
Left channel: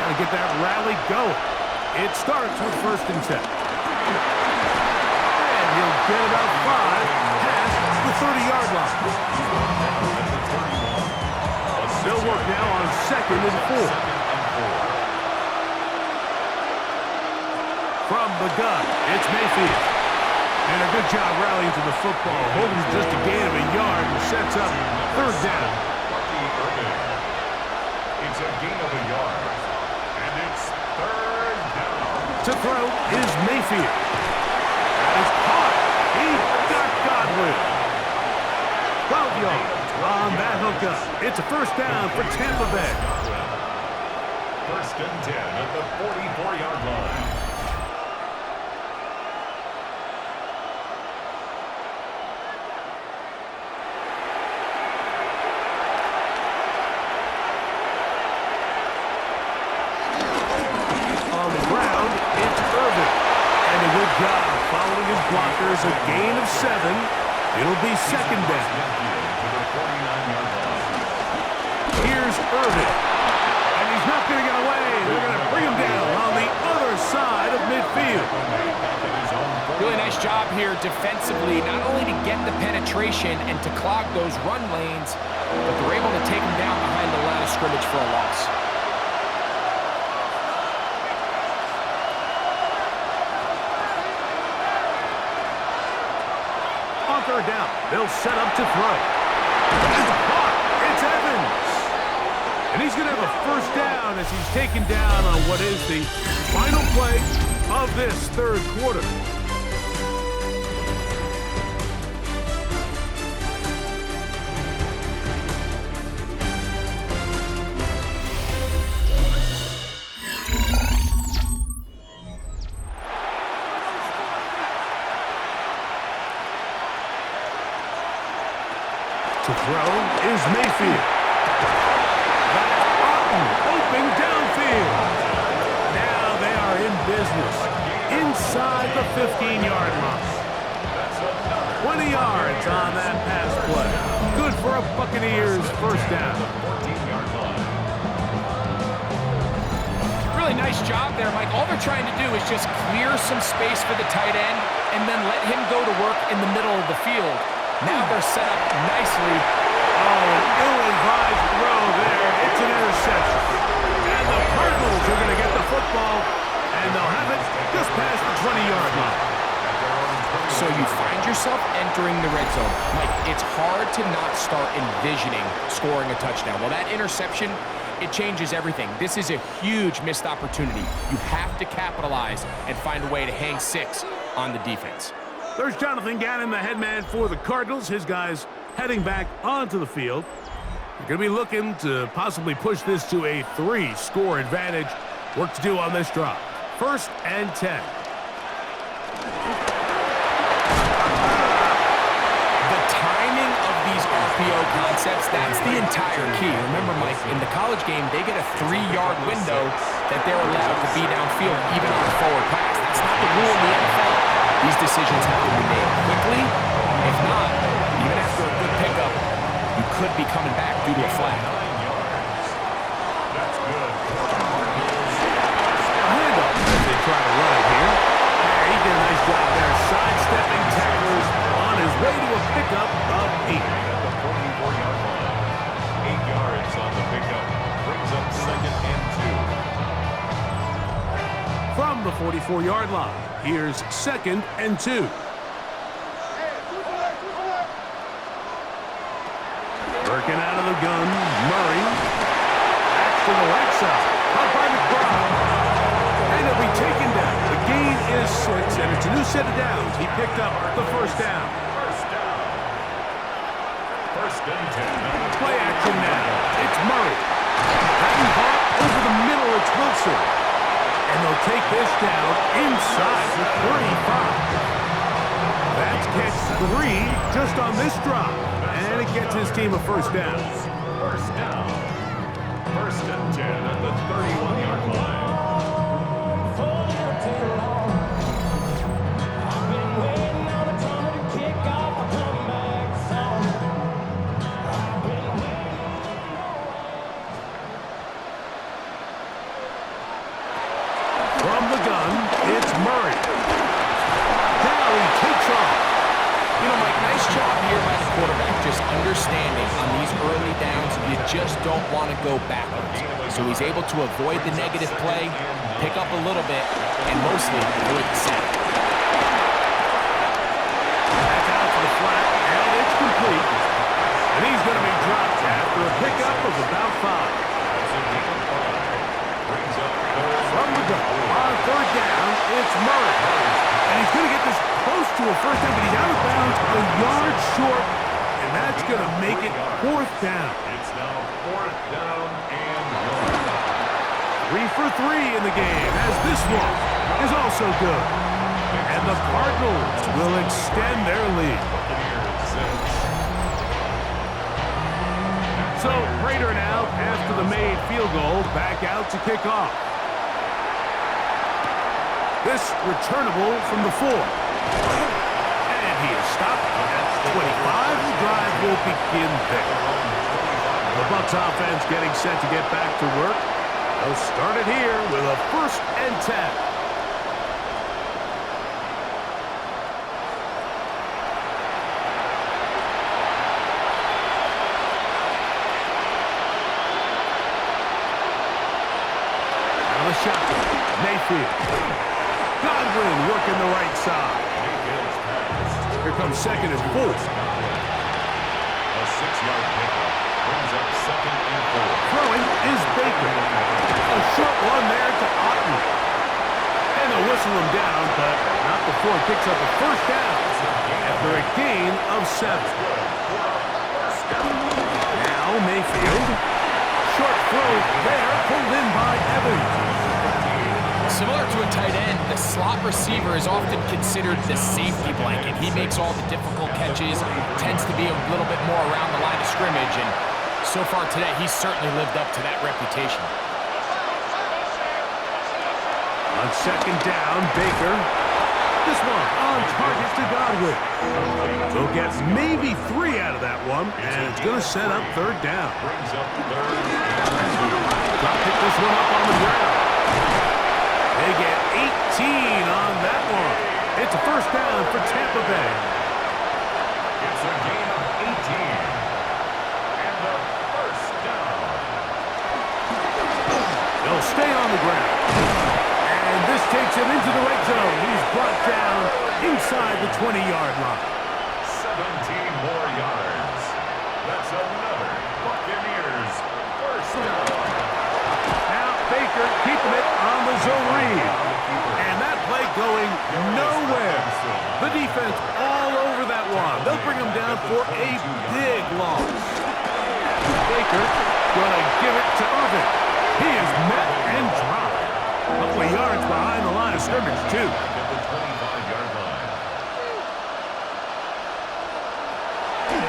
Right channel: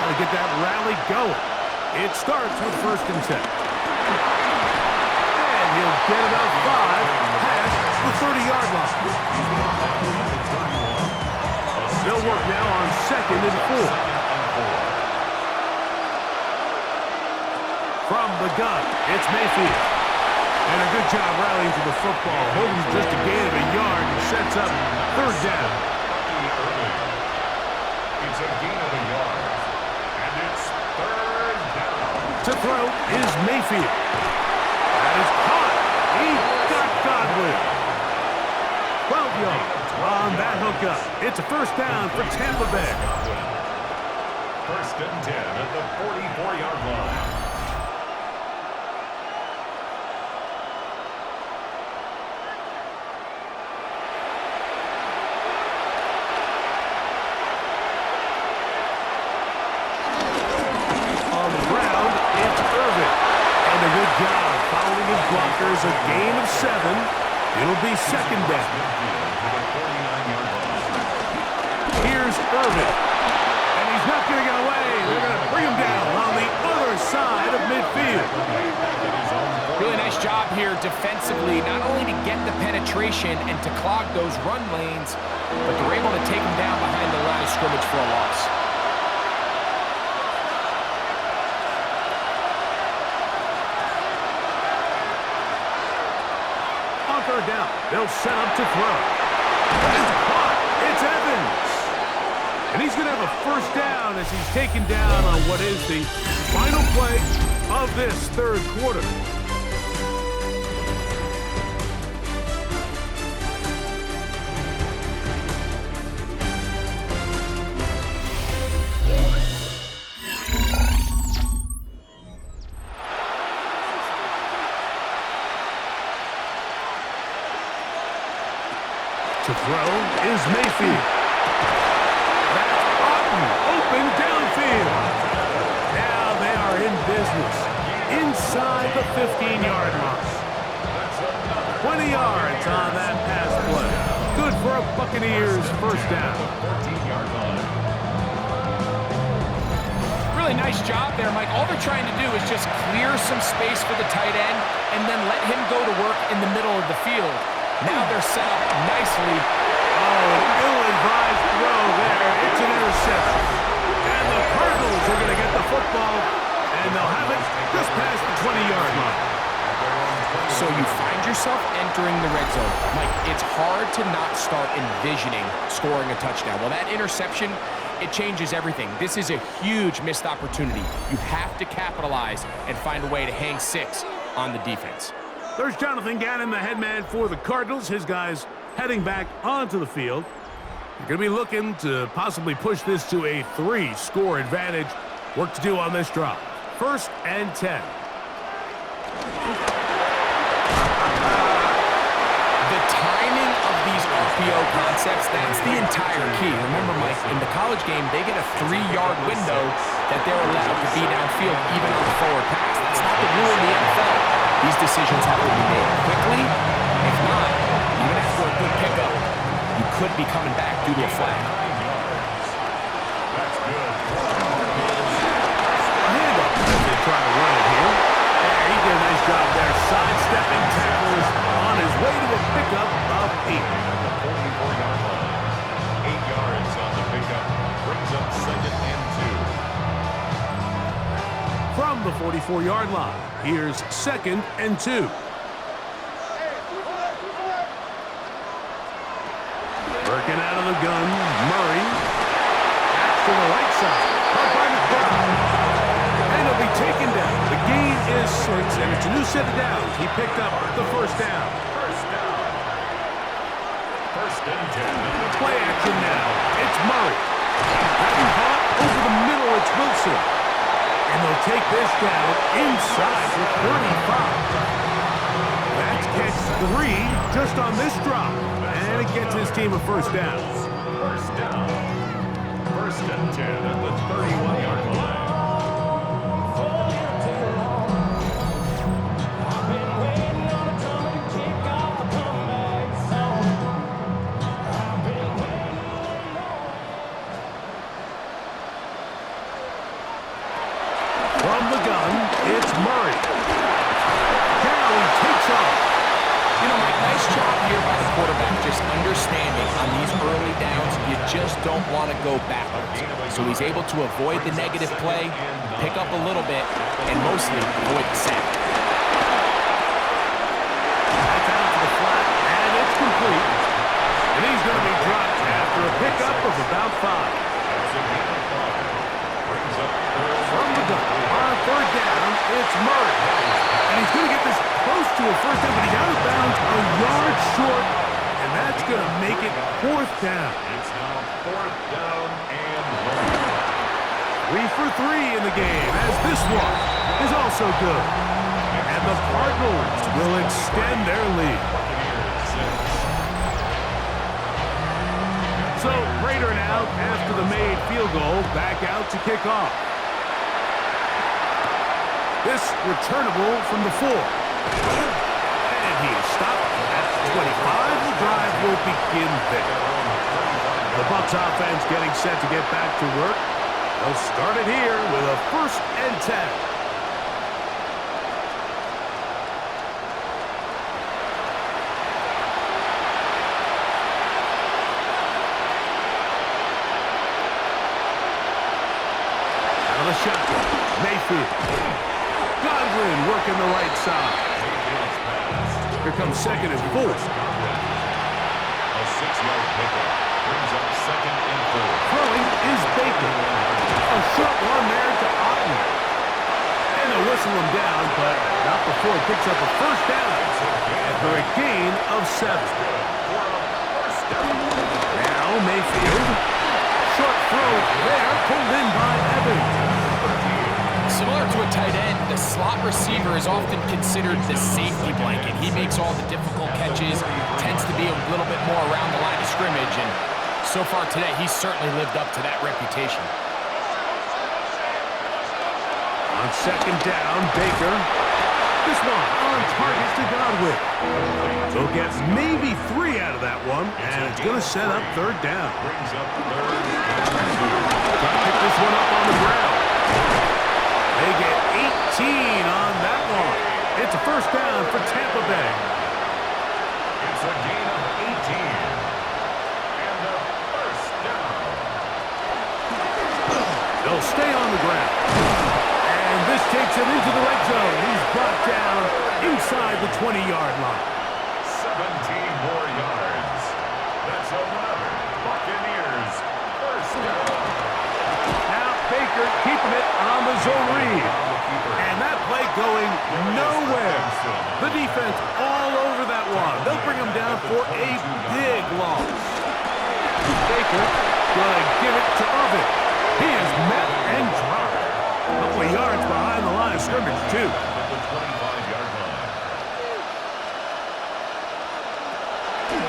Got to get that rally going. It starts with first and 10. And he'll get about 5 past the 30-yard line. They'll work now on second and 4. From the gun, it's Mayfield. And a good job rallying to the football. Holding just a gain of a yard and sets up third down. It's a gain of a yard. And it's third down. To throw is Mayfield. That is caught. He got Godwin. 12 yards on that hookup. It's a first down for Tampa Bay. First and 10 at the 44-yard line. On the ground, it's Irvin. And a good job following his blockers. A gain of 7. It'll be second down. To the 49-yard line. Here's Irvin. And he's not going to get away. They're going to bring him down on the other side of midfield. Really nice job here defensively, not only to get the penetration and to clog those run lanes, but they're able to take him down behind the line of scrimmage for a loss. On third down, they'll set up to throw. That's caught. It's Evans. And he's going to have a first down as he's taken down on what is the final play of this third quarter. To throw is Mayfield. That's open downfield. Now they are in business inside the 15-yard line. 20 yards on that pass play. Good for a Buccaneers first down. 14-yard line. Really nice job there, Mike. All they're trying to do is just clear some space for the tight end and then let him go to work in the middle of the field. Now they're set up nicely. Oh, an ill-advised throw there. It's an interception. And the Cardinals are going to get the football, and they'll have it just past the 20-yard line. So you find yourself entering the red zone. Mike, it's hard to not start envisioning scoring a touchdown. Well, that interception, it changes everything. This is a huge missed opportunity. You have to capitalize and find a way to hang 6 on the defense. There's Jonathan Gannon, the head man for the Cardinals. His guys heading back onto the field. They're going to be looking to possibly push this to a 3-score advantage. Work to do on this drive. First and 10. The timing of these RPO concepts, that's the entire key. Remember, Mike, in the college game, they get a 3-yard window that they're allowed to be downfield even on a forward pass. That's not the rule in the NFL. These decisions have to be made quickly. If not, even after a good pickup, you could be coming back due to a flag. 9 yards. That's good. A handoff as they try to run it here. Hey, he did a nice job there, sidestepping tacklers on his way to a pickup of 8. At the 44-yard line. 8 yards on the pickup. Brings up second and 2. From the 44-yard line, here's second and 2. Working out of the gun, Murray. Backs to the right side. Up by McBride. And he'll be taken down. The gain is 6, and it's a new set of downs. He picked up the first down. First down. First and 10. Play action now. It's Murray. Having caught over the middle, it's Wilson. And they'll take this down inside the 35. That's catch 3 just on this drop. And it gets his team a first down. First down. First and 10 at the 31-yard line. From the gun, it's Murray. Now he takes off. You know, Mike, nice job here by the quarterback, just understanding on these early downs, you just don't want to go backwards. So he's able to avoid the negative play, pick up a little bit, and mostly avoid the sack. That's out to the flat, and it's complete. And he's going to be dropped after a pickup of about 5. That's a gain of 5. Brings up From the gun, on third down, it's Murray. And he's going to get this close to a first down, but he's out of bounds a yard short, and that's going to make it 4th down. It's now 4th down and 3 for 3 in the game, as this one is also good. And the Cardinals will extend their lead. 1. Buccaneers 6. So, Prater now, after the made field goal, back out to kick off. This returnable from the 4. And he is stopped at 25. The drive will begin there. The Bucs offense getting set to get back to work. They'll start it here with a 1st and 10. Shotgun. Mayfield. Godwin working the right side. Mayfield's pass. Here comes 2nd and 4. A 6-yard pickup. Brings up 2nd and 4. Throwing is Baker. A short one there to Otten. And they'll whistle him down, but not before he picks up a 1st down after a gain of 7. Now Mayfield. Short throw there, pulled in by Evans. Similar to a tight end, the slot receiver is often considered the safety blanket. He makes all the difficult catches, tends to be a little bit more around the line of scrimmage, and so far today, he's certainly lived up to that reputation. On 2nd down, Baker. This one on target to Godwin. They'll get maybe 3 out of that one, and it's going to set up 3rd down. Brings up 3rd and 2. Try to pick this one up on the ground. They get 18 on that one. It's a 1st down for Tampa Bay. It's a gain of 18. And a 1st down. They'll stay on the ground. And this takes him into the red zone. He's brought down inside the 20-yard line. 17 more yards. That's another Buccaneers 1st down. Now Baker keeping it on the zone read. And that play going nowhere. The defense all over that one. They'll bring him down for a big loss. Baker going to give it to Irvin. He is met and dropped. A couple of yards behind the line of scrimmage, too. At the 25-yard line.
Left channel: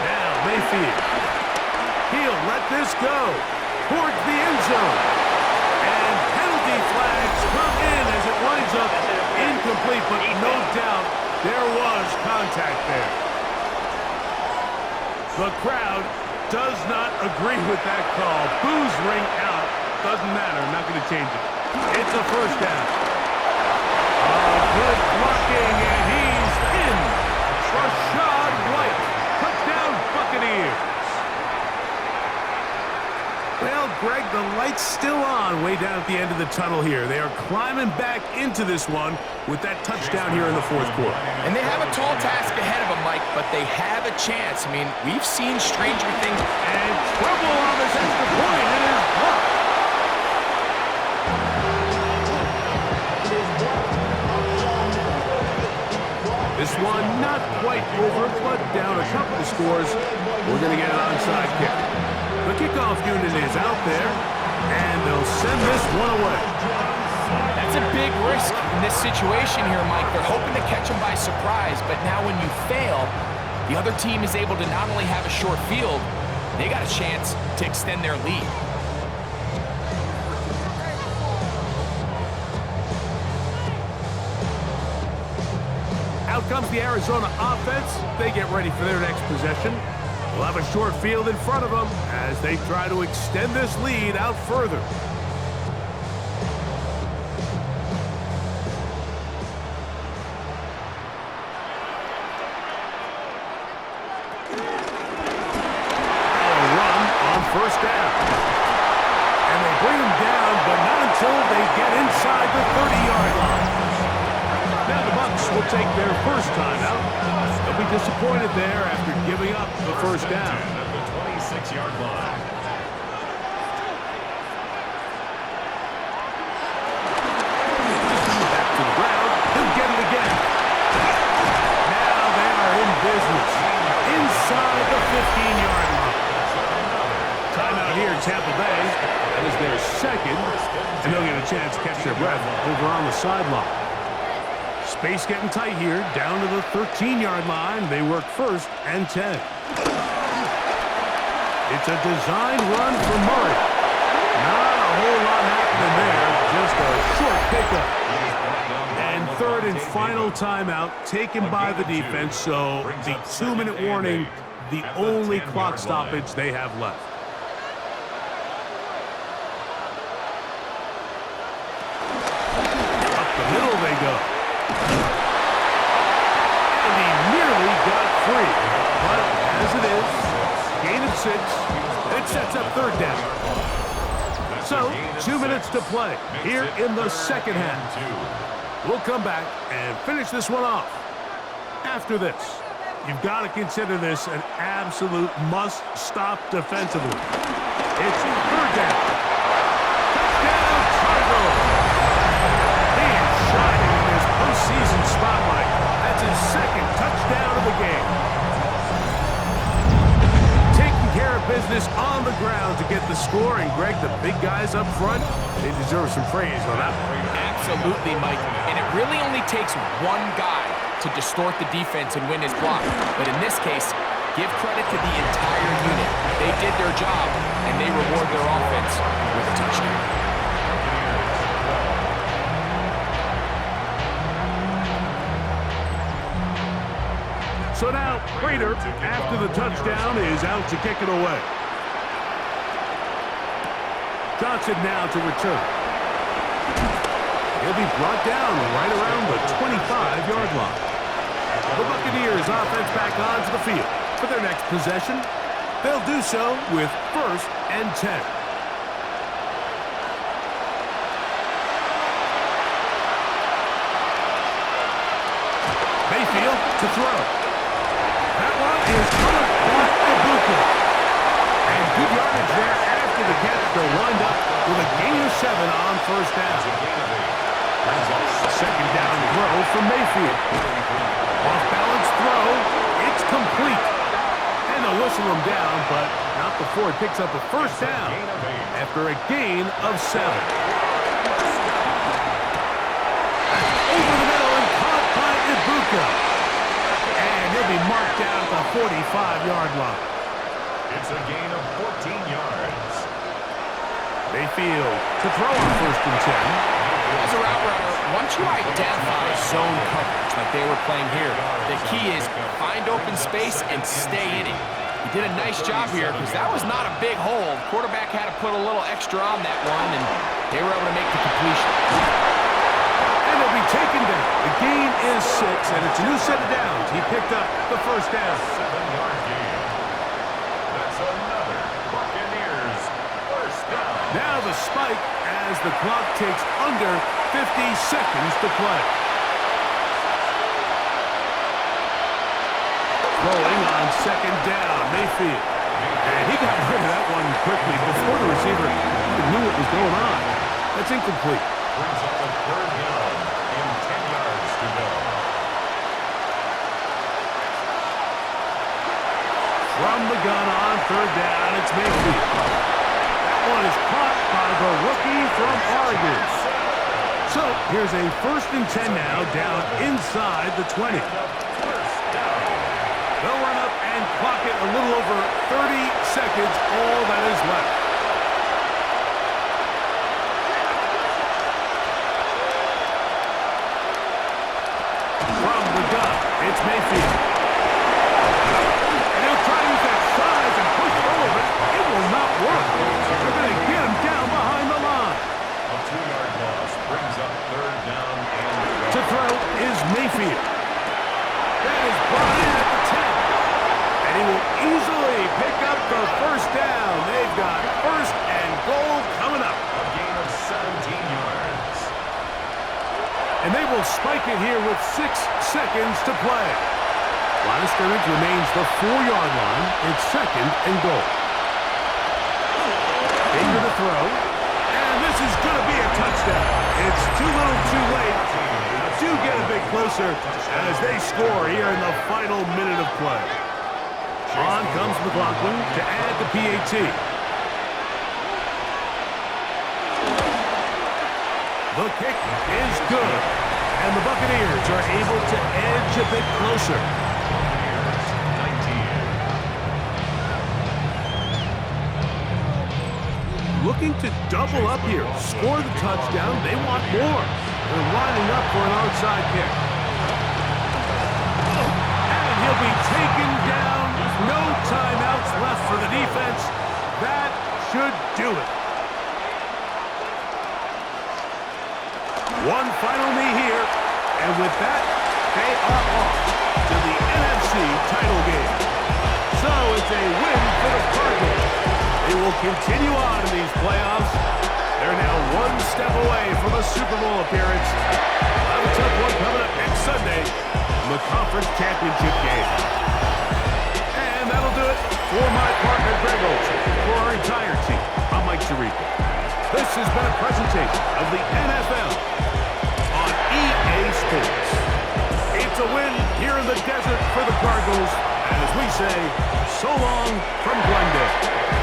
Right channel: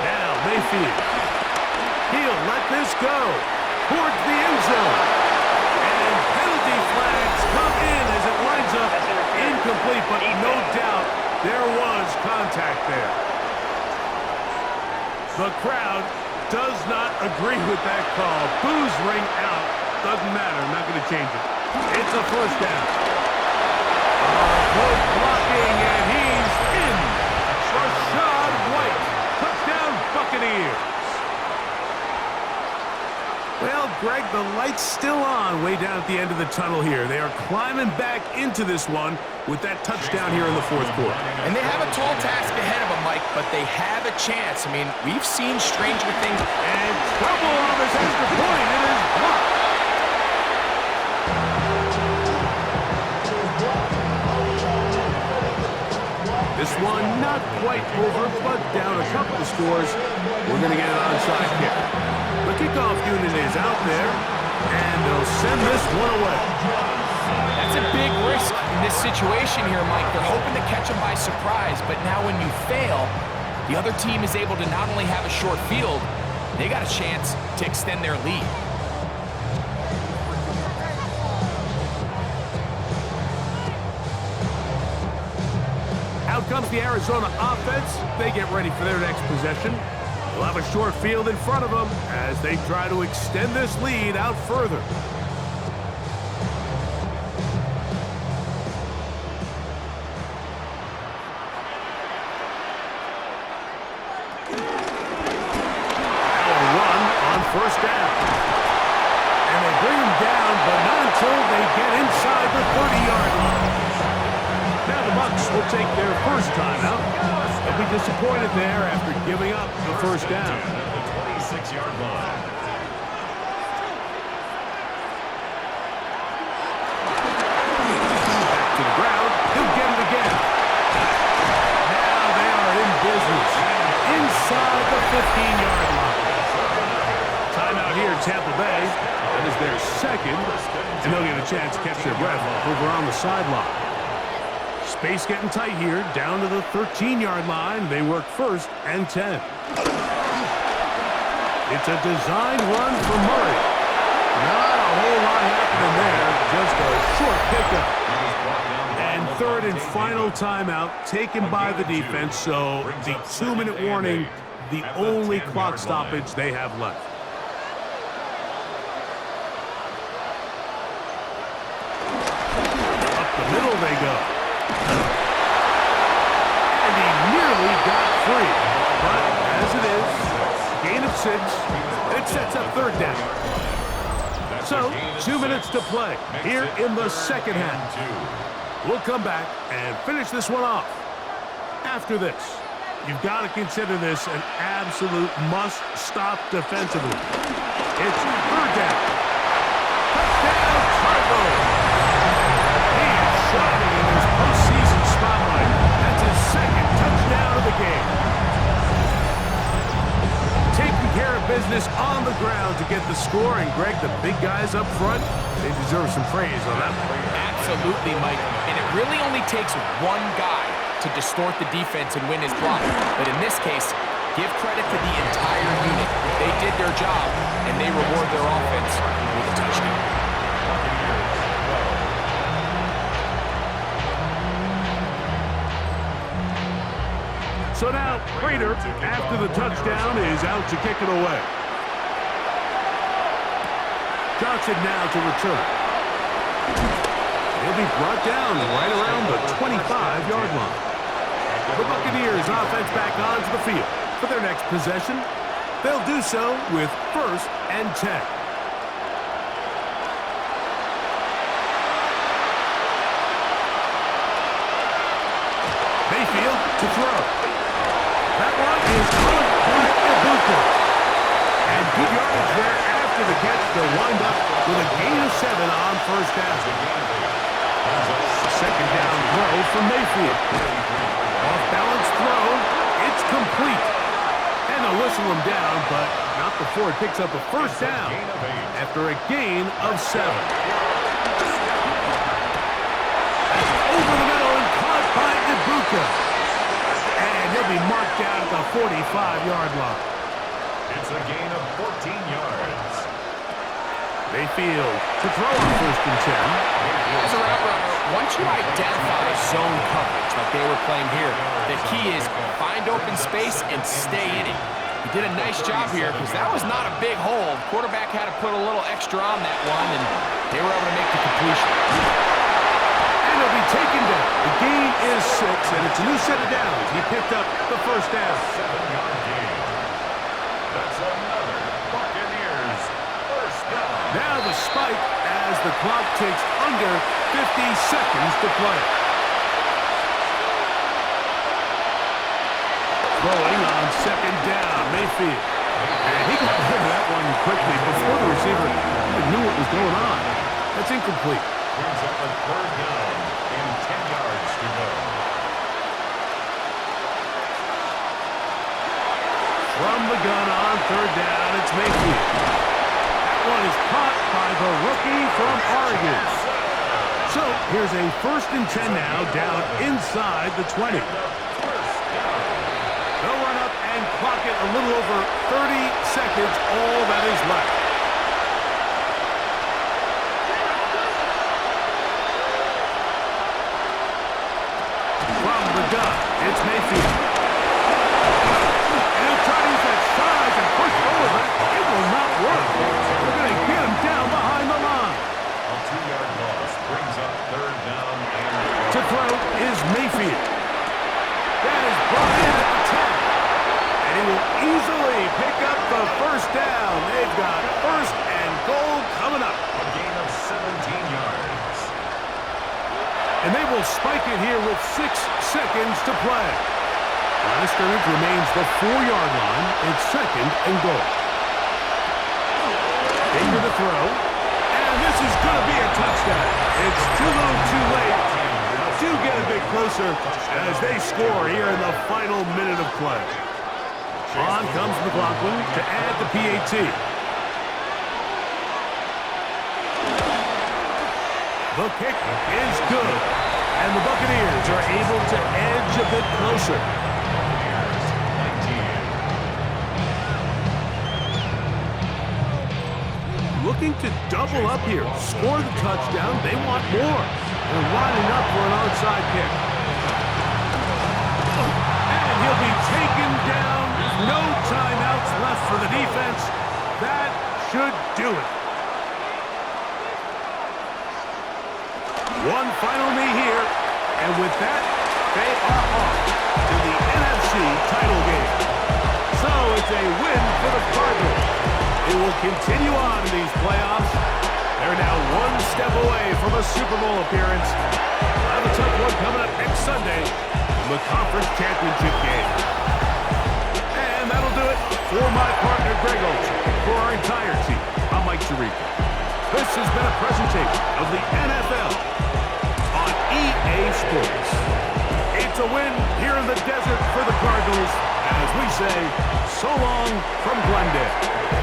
Now Mayfield. He'll let this go towards the end zone. And penalty flags come in as it winds up incomplete, but no doubt there was contact there. The crowd does not agree with that call. Boos ring out. Doesn't matter. I'm not going to change it. It's a 1st down. Good blocking, and he's in. Rashad White. Touchdown, Buccaneers. Well, Greg, the light's still on way down at the end of the tunnel here. They are climbing back into this one with that touchdown here in the 4th quarter. And they have a tall task ahead of them, Mike, but they have a chance. I mean, we've seen stranger things. And trouble on this extra point. It is blocked. This one not quite over, but down a couple of scores. We're going to get an onside kick. The kickoff unit is out there, and they'll send this one away. That's a big risk in this situation here, Mike. They're hoping to catch them by surprise, but now when you fail, the other team is able to not only have a short field, they got a chance to extend their lead. Out comes the Arizona offense. They get ready for their next possession. They'll have a short field in front of them as they try to extend this lead out further. Now a run on 1st down. And they bring him down, but not until they get inside the 30-yard line. Now the Bucs will take their first timeout. They'll be disappointed there after giving up the 1st down. 6-yard line. Back to the ground. He'll get it again. Now they are in business. Inside the 15-yard line. Timeout here in Tampa Bay. That is their second. And they'll get a chance to catch their breath over on the sideline. Space getting tight here. Down to the 13-yard line. They work 1st and 10. It's a designed run for Murray. Not a whole lot happening there. Just a short pickup. And 3rd and final timeout taken by the defense. So the 2-minute warning, the only clock stoppage they have left. Up the middle they go. And he nearly got free. But as it is, gain of 6, and it sets up 3rd down. So, 2 minutes to play here in the second half. We'll come back and finish this one off. After this, you've got to consider this an absolute must-stop defensively. It's 3rd down. Touchdown, Cardinals! He is shining in this postseason spotlight. That's his 2nd touchdown of the game. Taking care of business on the ground to get the score. And, Greg, the big guys up front, they deserve some praise on that one. Absolutely, Mike. And it really only takes one guy to distort the defense and win his block. But in this case, give credit to the entire unit. They did their job, and they reward their offense with a touchdown. Buccaneers 12. So now, Prater, after the touchdown, is out to kick it away. Johnson now to return. He'll be brought down right around the 25-yard line. The Buccaneers offense back onto the field for their next possession. They'll do so with 1st and 10. Mayfield to throw. That one is caught by Ibuka. And good yardage there after the catch to wind up with a gain of 7 on 1st down. 2nd down throw from Mayfield. Off-balance throw. It's complete. And they'll whistle him down, but not before it picks up a 1st down after a gain of 7. That's over the middle and caught by Ibuka. And he'll be marked down at the 45-yard line. It's a gain of 14 yards. Mayfield to throw on 1st and 10. As a route runner, once you identify zone coverage like they were playing here, the key is find open space and stay in it. He did a nice job here because that was not a big hole. The quarterback had to put a little extra on that one, and they were able to make the completion. And he'll be taken down. The gain is 6, and it's a new set of downs. He picked up the 1st down. 7-yard gain. That's another Buccaneers 1st down. Now the spike as the clock takes under 50 seconds to play. Throwing on 2nd down, Mayfield. And he got rid of that one quickly before the receiver even knew what was going on. That's incomplete. Brings up a 3rd down and 10 yards to go. From the gun on 3rd down, it's Mayfield. That one is caught by the rookie from Oregon. So here's a 1st and 10 now, down inside the 20. They'll run up and clock it a little over 30 seconds, all that is left. From the gun, it's Mayfield. And he'll try to use that size and push forward, but it will not work. They're going to get him down behind the line. A 2-yard loss brings up 3rd down and To throw is Mayfield. That is brought in at the 10. And he will easily pick up the 1st down. They've got 1st and goal coming up. a gain of 17 yards. And they will spike it here with 6 seconds to play. Line of scrimmage remains the 4-yard line. It's 2nd and goal. throw. And this is going to be a touchdown. It's too little too late. Do get a bit closer as they score here in the final minute of play. On comes McLaughlin to add the PAT. The kick is good, and the Buccaneers are able to edge a bit closer. Buccaneers 19. Looking to double up here, score the touchdown. They want more. They're lining up for an onside kick. And he'll be taken down. No timeouts left for the defense. That should do it. One final knee here, and with that, they are off to the NFC title game. So it's a win for the Cardinals. They will continue on in these playoffs. They're now one step away from a Super Bowl appearance. We'll have a tough one coming up next Sunday in the conference championship game. And that'll do it for my partner, Greg Olson. For our entire team, I'm Mike Tirico. This has been a presentation of the NFL on EA Sports. It's a win here in the desert for the Cardinals as we say so long from Glendale.